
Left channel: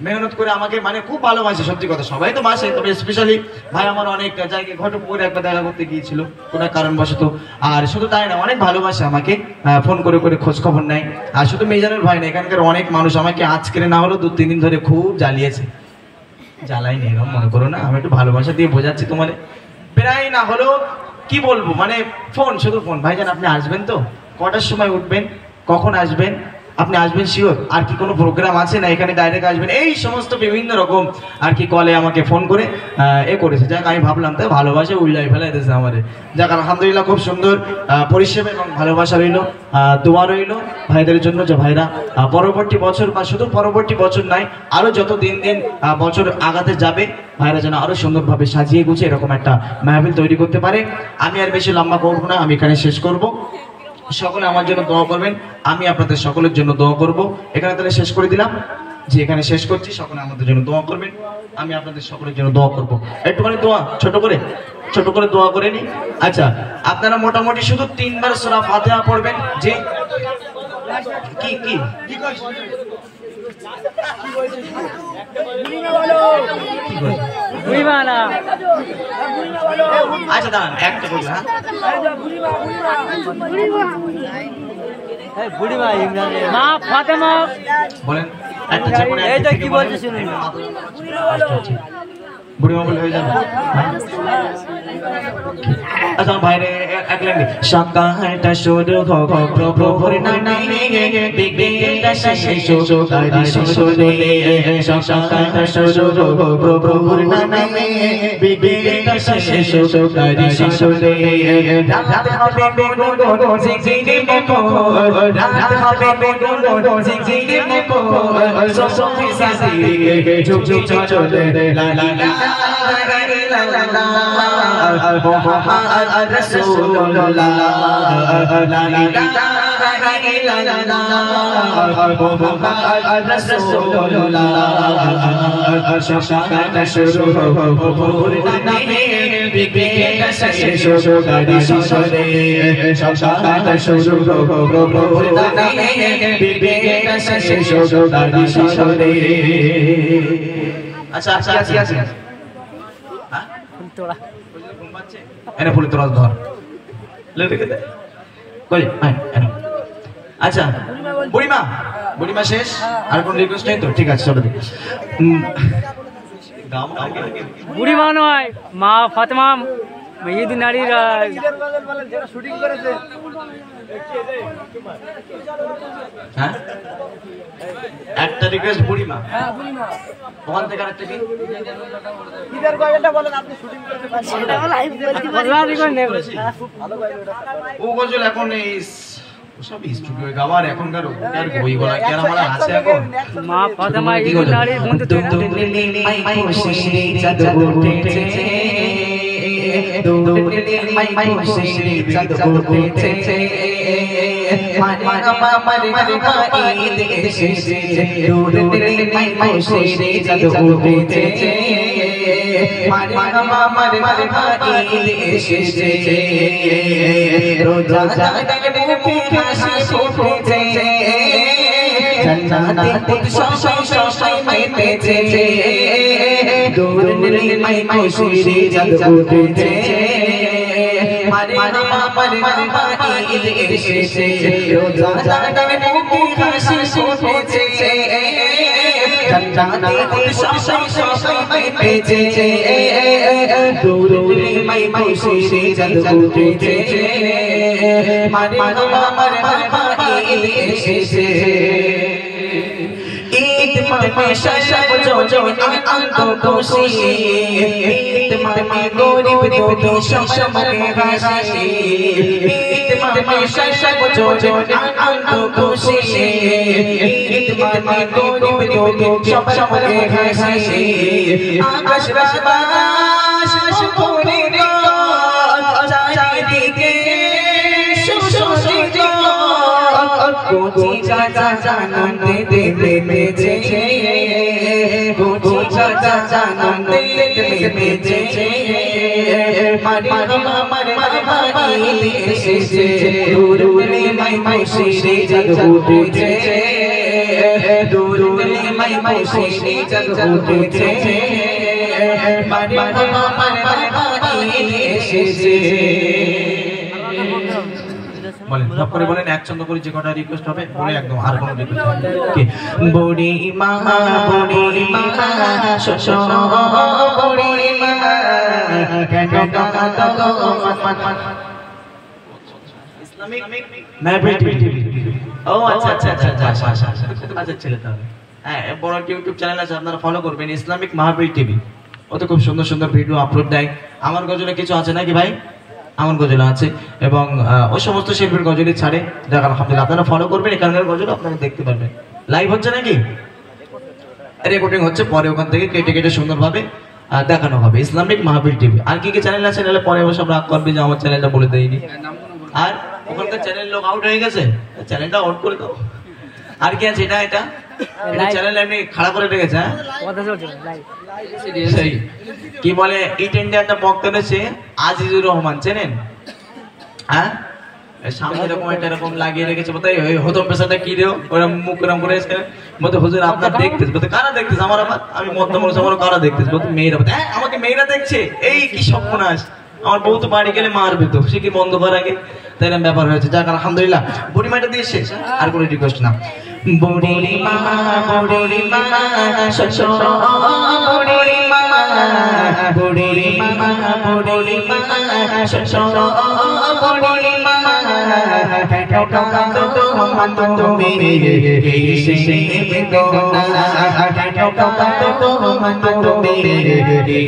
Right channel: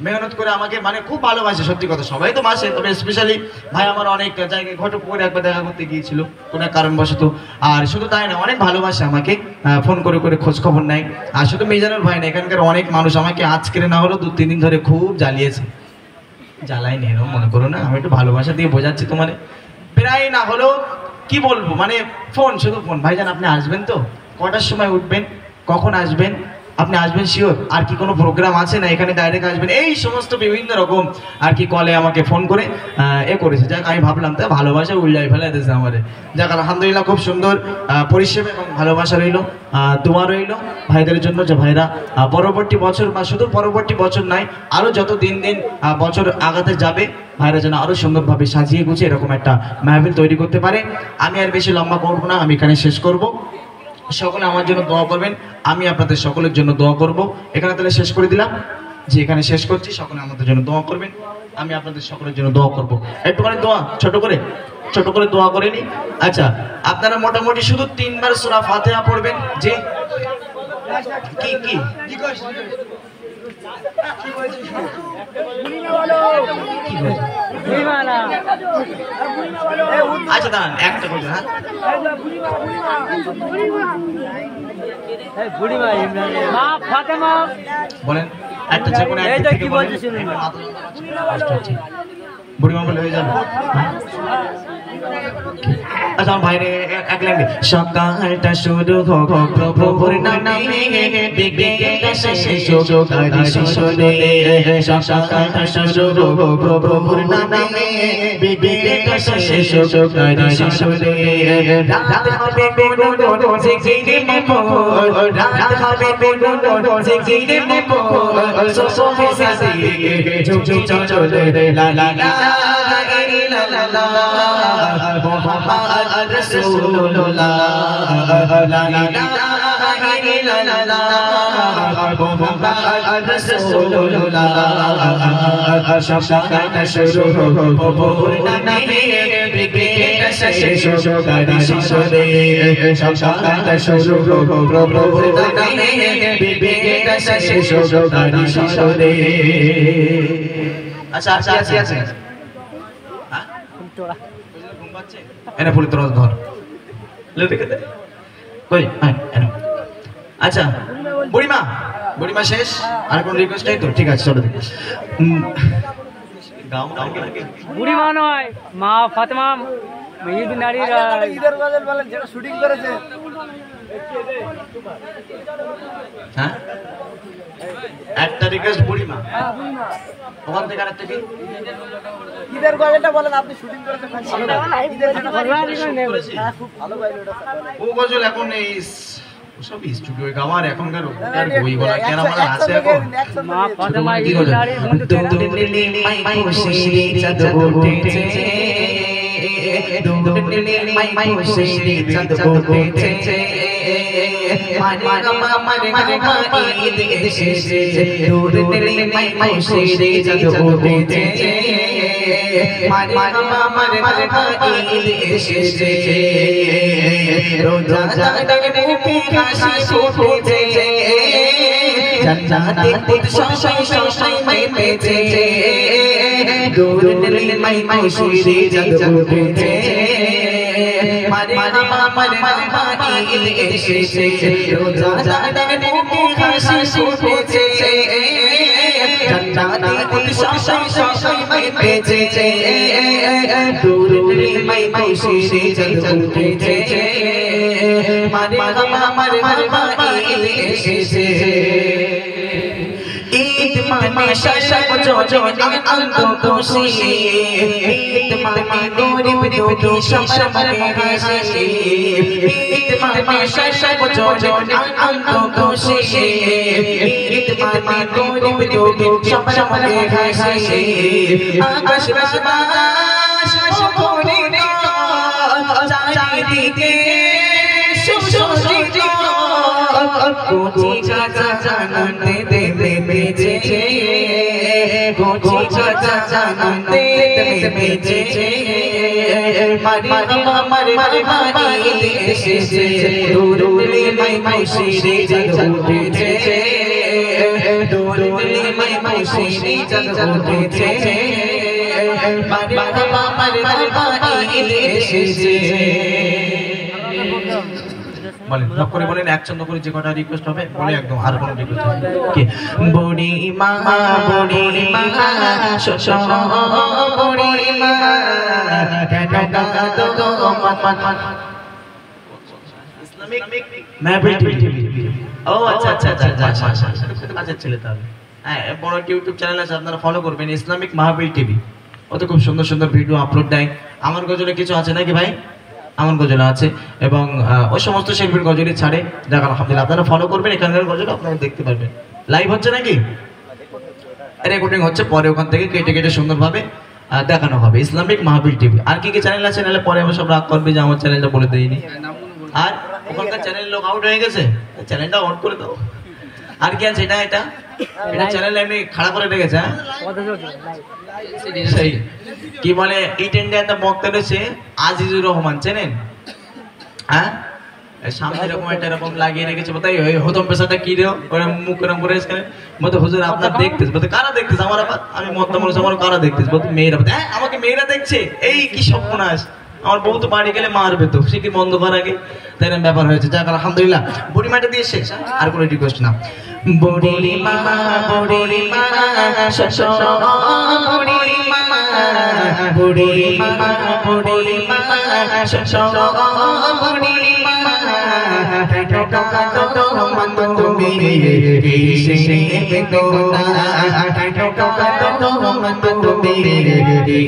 মেহনত করে আমাকে, মানে খুব ভালোবাসে, সত্যি কথা, সবাই তো বাসে, তবে স্পেশালি ভাই আমার অনেক জায়গায় ঘটকপুরে একবার দেখা করতে গিয়েছিল কোনো কারণবশত, আর শুধু তাই না, অনেক ভালোবাসে আমাকে, ফোন করে করে খোঁজ খবর নেয়। আর শুধু মিজানুর ভাই না, এখানকার অনেক মানুষ আমাকে আজকে না হলো 2-3 দিন ধরে খুব জ্বালিয়েছে। জ্বালাইনি এরকম মনে করো না, আমি একটু ভালোবাসা দিয়ে বোঝাচ্ছি তোমার, প্রায় না হলেও কি বলবো, মানে ফোন, শুধু ফোন, ভাইজান আপনি আসবেন তো, কটার সময় উঠবেন, কখন আসবেন, আপনি আসবেন শিওর, আর কি কোনো প্রোগ্রাম আছে না এখানে ডাইরেক্ট আসবেন, এই সমস্ত বিভিন্ন রকম আর কি কলে আমাকে ফোন করে করেছে। যাক, আমি ভাবলাম তাই ভালোবাসা উল্লাই ফেলাই দিয়েছে আমাদের। যাক, আলহামদুলিল্লাহ, খুব সুন্দর পরিষেবা এবং ভালোবাসা রইল, দোয়া রইল ভাইদের জন্য, যে ভাইরা পরবর্তী বছর, বা শুধু পরবর্তী বছর নাই, আরো যত দিন দিন বছর আগাতে যাবে, ভাইরা যেন আরো সুন্দরভাবে সাজিয়ে গুছিয়ে এরকম একটা মাহফিল তৈরি করতে পারে। আমি আর বেশি লম্বা করবো না, আমি এখানে শেষ করব। সকলে আমার জন্য দোয়া করবেন, আমি আপনাদের সকলের জন্য দোয়া করব। এখানে তাহলে শেষ করে দিলাম, যে এখানে শেষ করছি, সকলে আমাদের জন্য দোয়া করবেন, আমি আপনাদের সকলের জন্য দোয়া করব। একটুখানি দোয়া ছোট করে দোয়া করে নি। আচ্ছা, আপনারা মোটামুটি শুধু 3 বার সূরা ফাতিহা পড়বেন। যে কি আচ্ছা দাঁড়ান, একটা বলুন। হ্যাঁ বলেন, একটা যে কোনো একটা কি বলতে শুনুন, বুড়িমা বলে হয়ে যাবে। আচ্ছা ভাইরে, এক লাইন, সকালটা শুরু হোক প্রভুর নামে, বিকেলটা শেষ হোক তারি সুরে, সকালটা শুরু হোক প্রভুর নামে, বিকেলটা শেষ হোক তারি সুরে, রাত হবে বেগুন জিগজিগে মুখর, রাত হবে বেগুন জিগজিগে মুখর, সোফে সাজিয়ে ঝুঁকি চলে লা লা লা মুহাম্মদ রাসূলুল্লাহ, লা ইলাহা ইল্লাল্লাহ মুহাম্মদ রাসূলুল্লাহ, সকালটা শুরু হোক প্রভুর নামে, বিকেলটা শেষ হোক তারি সুরে, সকালটা শুরু হোক প্রভুর নামে, বিকেলটা শেষ হোক তারি সুরে। আচ্ছা আছে এনে ফুলি তোর ধর লেটে দে কই, এনে। আচ্ছা, বুড়িমা শেষ, আর কোন রিকোয়েস্ট নেই তো? ঠিক আছে, চলো। বুড়িমা নয়, মা ফাতেমা ঈদ নারীর শুটিং করেছে। হ্যাঁ, একটা রিকোয়েস্ট বুড়িমা, ওখান থেকে আরেকটা কি ঈদের গজলটা বলেন, আপনি শুটিং করেছেন, ও গজল এখন এই সব স্টুডিও গাওয়ার এখনকার বই বলা কেন আমার আছে এখন। মা ফাতেমা ঈদ নারীর বন্ধু দুলে মাই খুশি চাঁদ উঠেছে, দুলে মাই খুশি চাঁদ উঠেছে, মারে ঈদ এসেছে, দুলে মাই খুশি চাঁদ উঠেছে, মারে ঈদ এসেছে, রোজা জাগলে মুখে হাসি ফুটেছে, জান্নাতে খুশি মেতেছে, দুলে মাই খুশি চাঁদ উঠেছে, মারে ঈদ এসেছে, রোজা জাগলে মুখে হাসি ফুটেছে, জান্নাতে খুশি মেতেছে, দুলে মাই খুশি চাঁদ উঠেছে, মারে ঈদ এসেছে। ঈদ মানে সব জনে আনন্দ খুশি, ঈদ মানে গরিব দুঃখী সব মনে হাসি, ঈদ মানে সব জনে আনন্দ খুশি, ঈদ মানে গরিব দুঃখী সব মনে হাসি, আকাশ বাতাস ভরে চারিদিকে সুশোভিত, কোচি চাচা জানতে দেবে বেজে কোচি চাচা জানতে দেবে বেজে মারি মারি মারি মারি এসেছে দূরে মাই মাই শিরে জগ উঠেছে দূরে মাই মাই শিরে জগ উঠেছে মারি মারি মারি মারি এসেছে বলেন নক করে বলেন এক ছন্দ করে যে কটা রিকোয়েস্ট হবে বলে একদম আর কোনো রিকোয়েস্ট কি বুড়ি মা শশ বুড়ি মা ইসলামিক মাহফিল টিভি ও আচ্ছা আচ্ছা আচ্ছা আচ্ছা ছেলে তাহলে হ্যাঁ বড় ইউটিউব চ্যানেল আছে আপনারা ফলো করবেন ইসলামিক মাহফিল টিভি ওতে খুব সুন্দর সুন্দর ভিডিও আপলোড দেয় আমার গজলে কিছু আছে নাকি ভাই আমার গজল আছে এবং ওই সমস্ত শিল্পীর গজলই ছাড়ে যাক আলহামদুলিল্লাহ আপনারা ফলো করবেন এখানকার গজল আপনারা দেখতে পারবেন লাইভ হচ্ছে নাকি রেকর্ডিং হচ্ছে পরে ওখান থেকে কেটে কেটে সুন্দরভাবে দেখানো হবে ইসলামিক মাহফিল টিভি আর কি কি চ্যানেল আছে নাহলে পরে সব রাগ করবে যে আমার চ্যানেলটা বলে দেয়নি আর ওখানকার চ্যানেল লোক আউট হয়ে গেছে চ্যানেলটা অন করে দাও আর কি আছে এটা এটা চ্যানেল এমনি খারাপ করে রেখেছে হ্যাঁ সেই কি বলে ইট ইন্ডিয়াতে বক্তা রয়েছে আজিজুর রহমান চেনেন হ্যাঁ সামনে এরকম একটা এরকম লাগিয়ে রেখেছে বলতে হতম পেশাটা কি দেও ওরা মুখ এরকম করে বলতে হুজুর আপনার দেখতেছ বলতে কারা দেখতেছ আমার আমি মধ্যম মানুষ আমার কারা দেখতেছ বলতে মেয়েরা বলতে হ্যাঁ আমাকে মেয়েরা দেখছে এই কি সর্বনাশ আমার বউ তো বাড়ি গেলে মারবে তো সে কি বন্ধ করার আগে তাই এরকম ব্যাপার হয়েছে যাক আলহামদুলিল্লাহ বুড়িমাটা দিয়ে শেষ আর কোনো রিকোয়েস্ট না বুড়ি মা শশ বুড়ি মা বুড়ি মা শশ বুড়ি মা টাটা তো মন তুমি কিসে বেদনা টাটা তো মন তুমি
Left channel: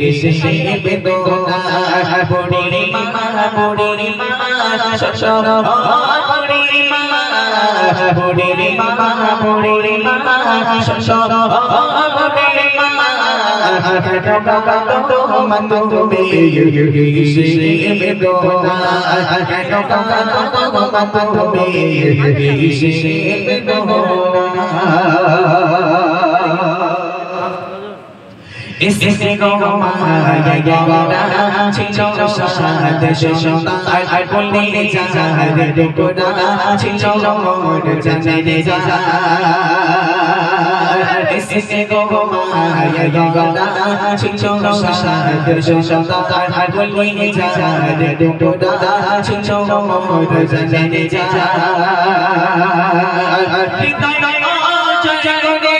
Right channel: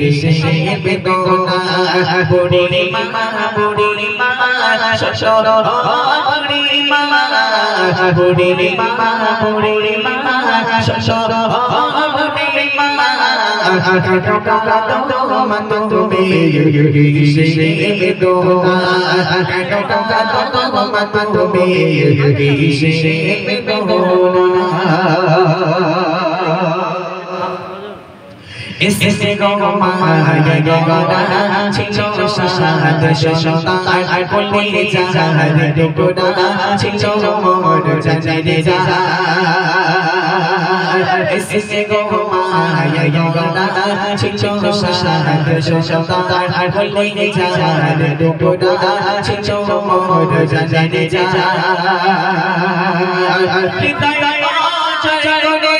কিসে বেদনা বুড়ি মা শশ বুড়ি মা বুড়ি মা শশ বুড়ি মা টাটা তো মন তুমি কিসে বেদনা টাটা তো মন তুমি কিসে বেদনা इससे गो माया गगना छिलो शाद शोना আর বললে জাহাদ ডুবনা छिलो মোর জানে যা इससे गो माया गगना छिलो शाद शोना আর বললে জাহাদ ডুবনা छिलो মোর জানে যা হৃদয় জগনে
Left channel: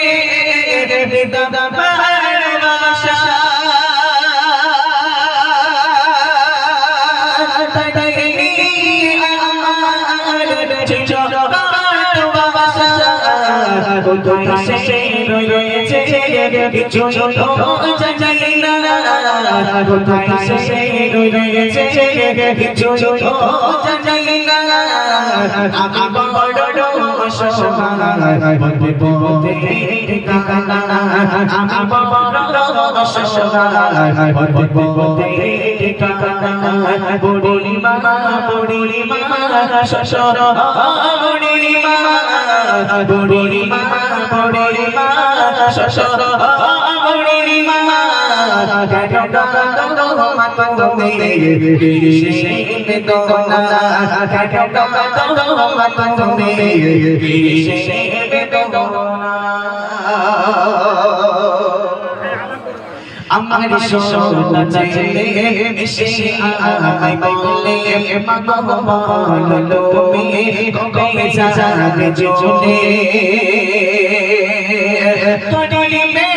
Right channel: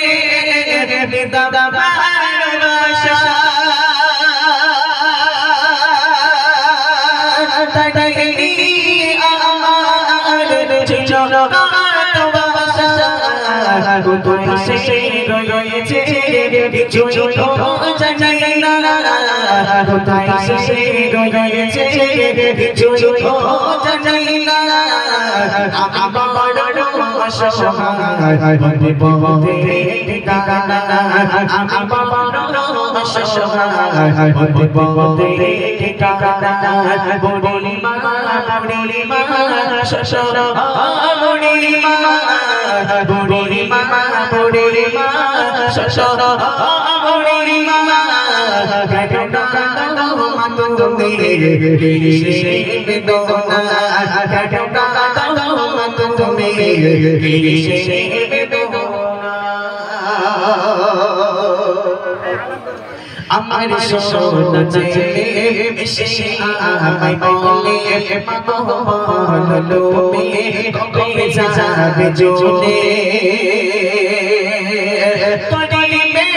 হৃদয় আমার সোনা চাইলে মিশে আমায় বলে মাগো বলো তুমি কবে যাবে জোনে কদলি মে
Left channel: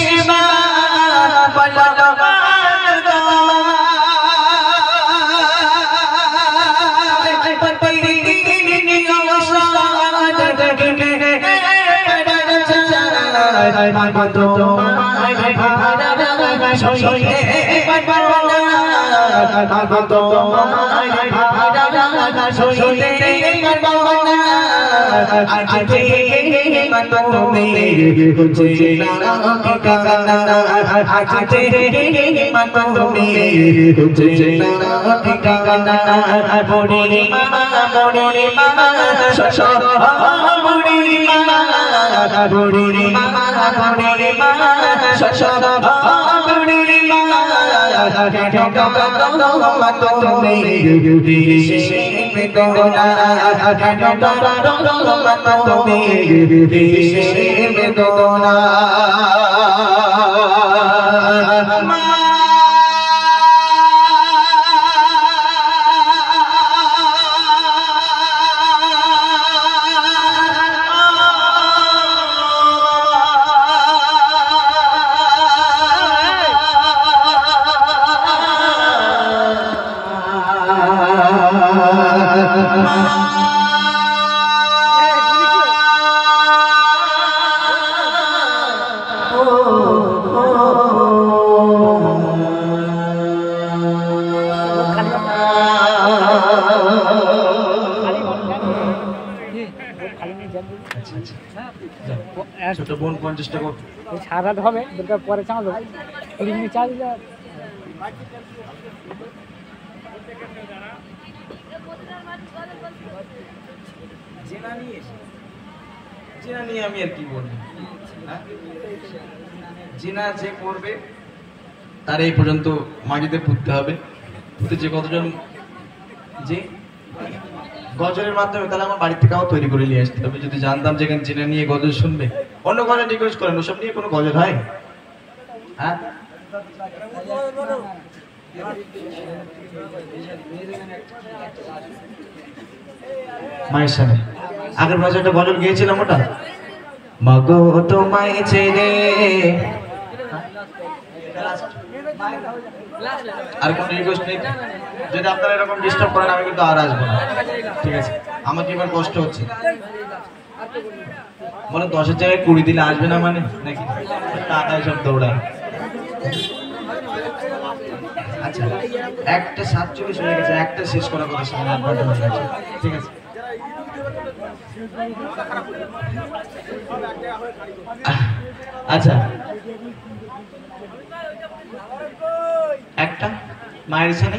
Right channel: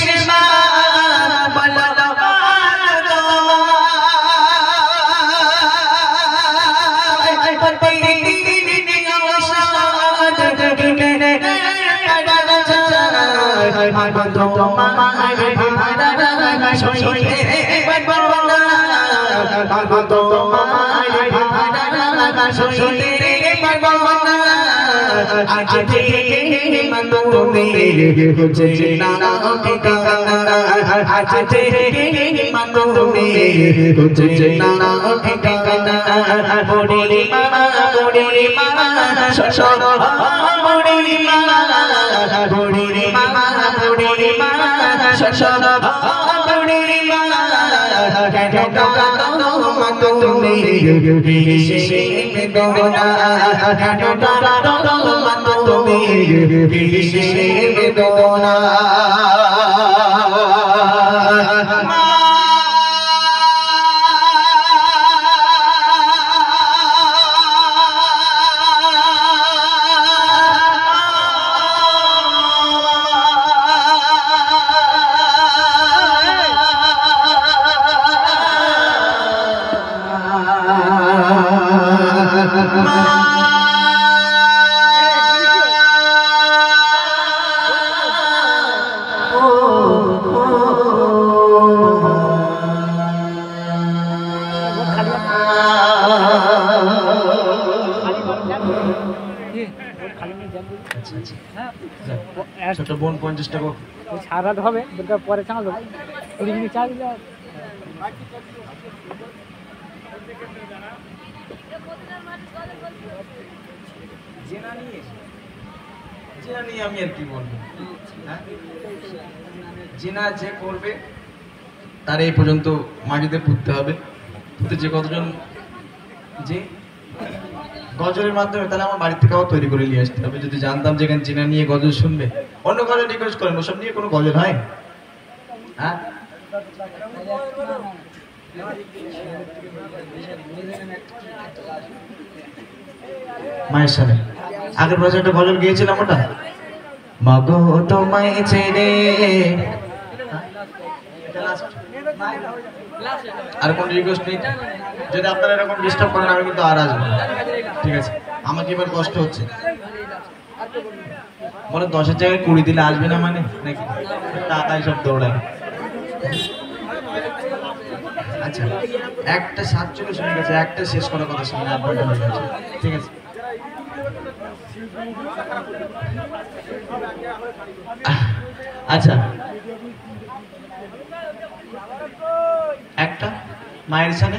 শিবা বলো বুড়ি মা শ্বশুর বুড়ি মা বুড়ি মা বুড়ি মা শ্বশুর বুড়ি মা কেন মা তুমি কিসে বেদনা কেন মা তুমি কিসে বেদনা ছোট বোন 50 টাকা সারা রাত হবে দরকার পরে চাঁদ দেবো 20 মিনিট চা দিলে জেনা নিয়ে আমি আর কি বলবো জিনা যে করবে তার এই পর্যন্ত মাটিতে পুঁততে হবে পুঁতে যে কতজন যে গজলের মাধ্যমে তাহলে আমার বাড়ি থেকে তৈরি করে নিয়ে আসতে হবে যদি জানতাম যে এখানে জিনা নিয়ে গজল শুনবে অন্য গজল রিকোয়েস্ট করেন ওসব নিয়ে কোনো গজল হয় হ্যাঁ মায়ের সামনে আগের বছর একটা গজল গিয়েছিলাম ওটা মাগো তোমায় ছেড়ে আর কোন রিকোয়েস্ট নেই যদি আপনারা এরকম ডিস্টার্ব করেন আমি কিন্তু আর আসবো না ঠিক আছে আমার কি এবার কষ্ট হচ্ছে বলে 10-এর জায়গায় 20 দিলে আসবে না মানে নাকি টাকা সব দৌড়ায় আচ্ছা একটা 47 হয়ে গেছে একটা শেষ করার কথা সামনে 8 ঘন্টা হয়ে গেছে ঠিক আছে আচ্ছা একটা মায়ের সামনে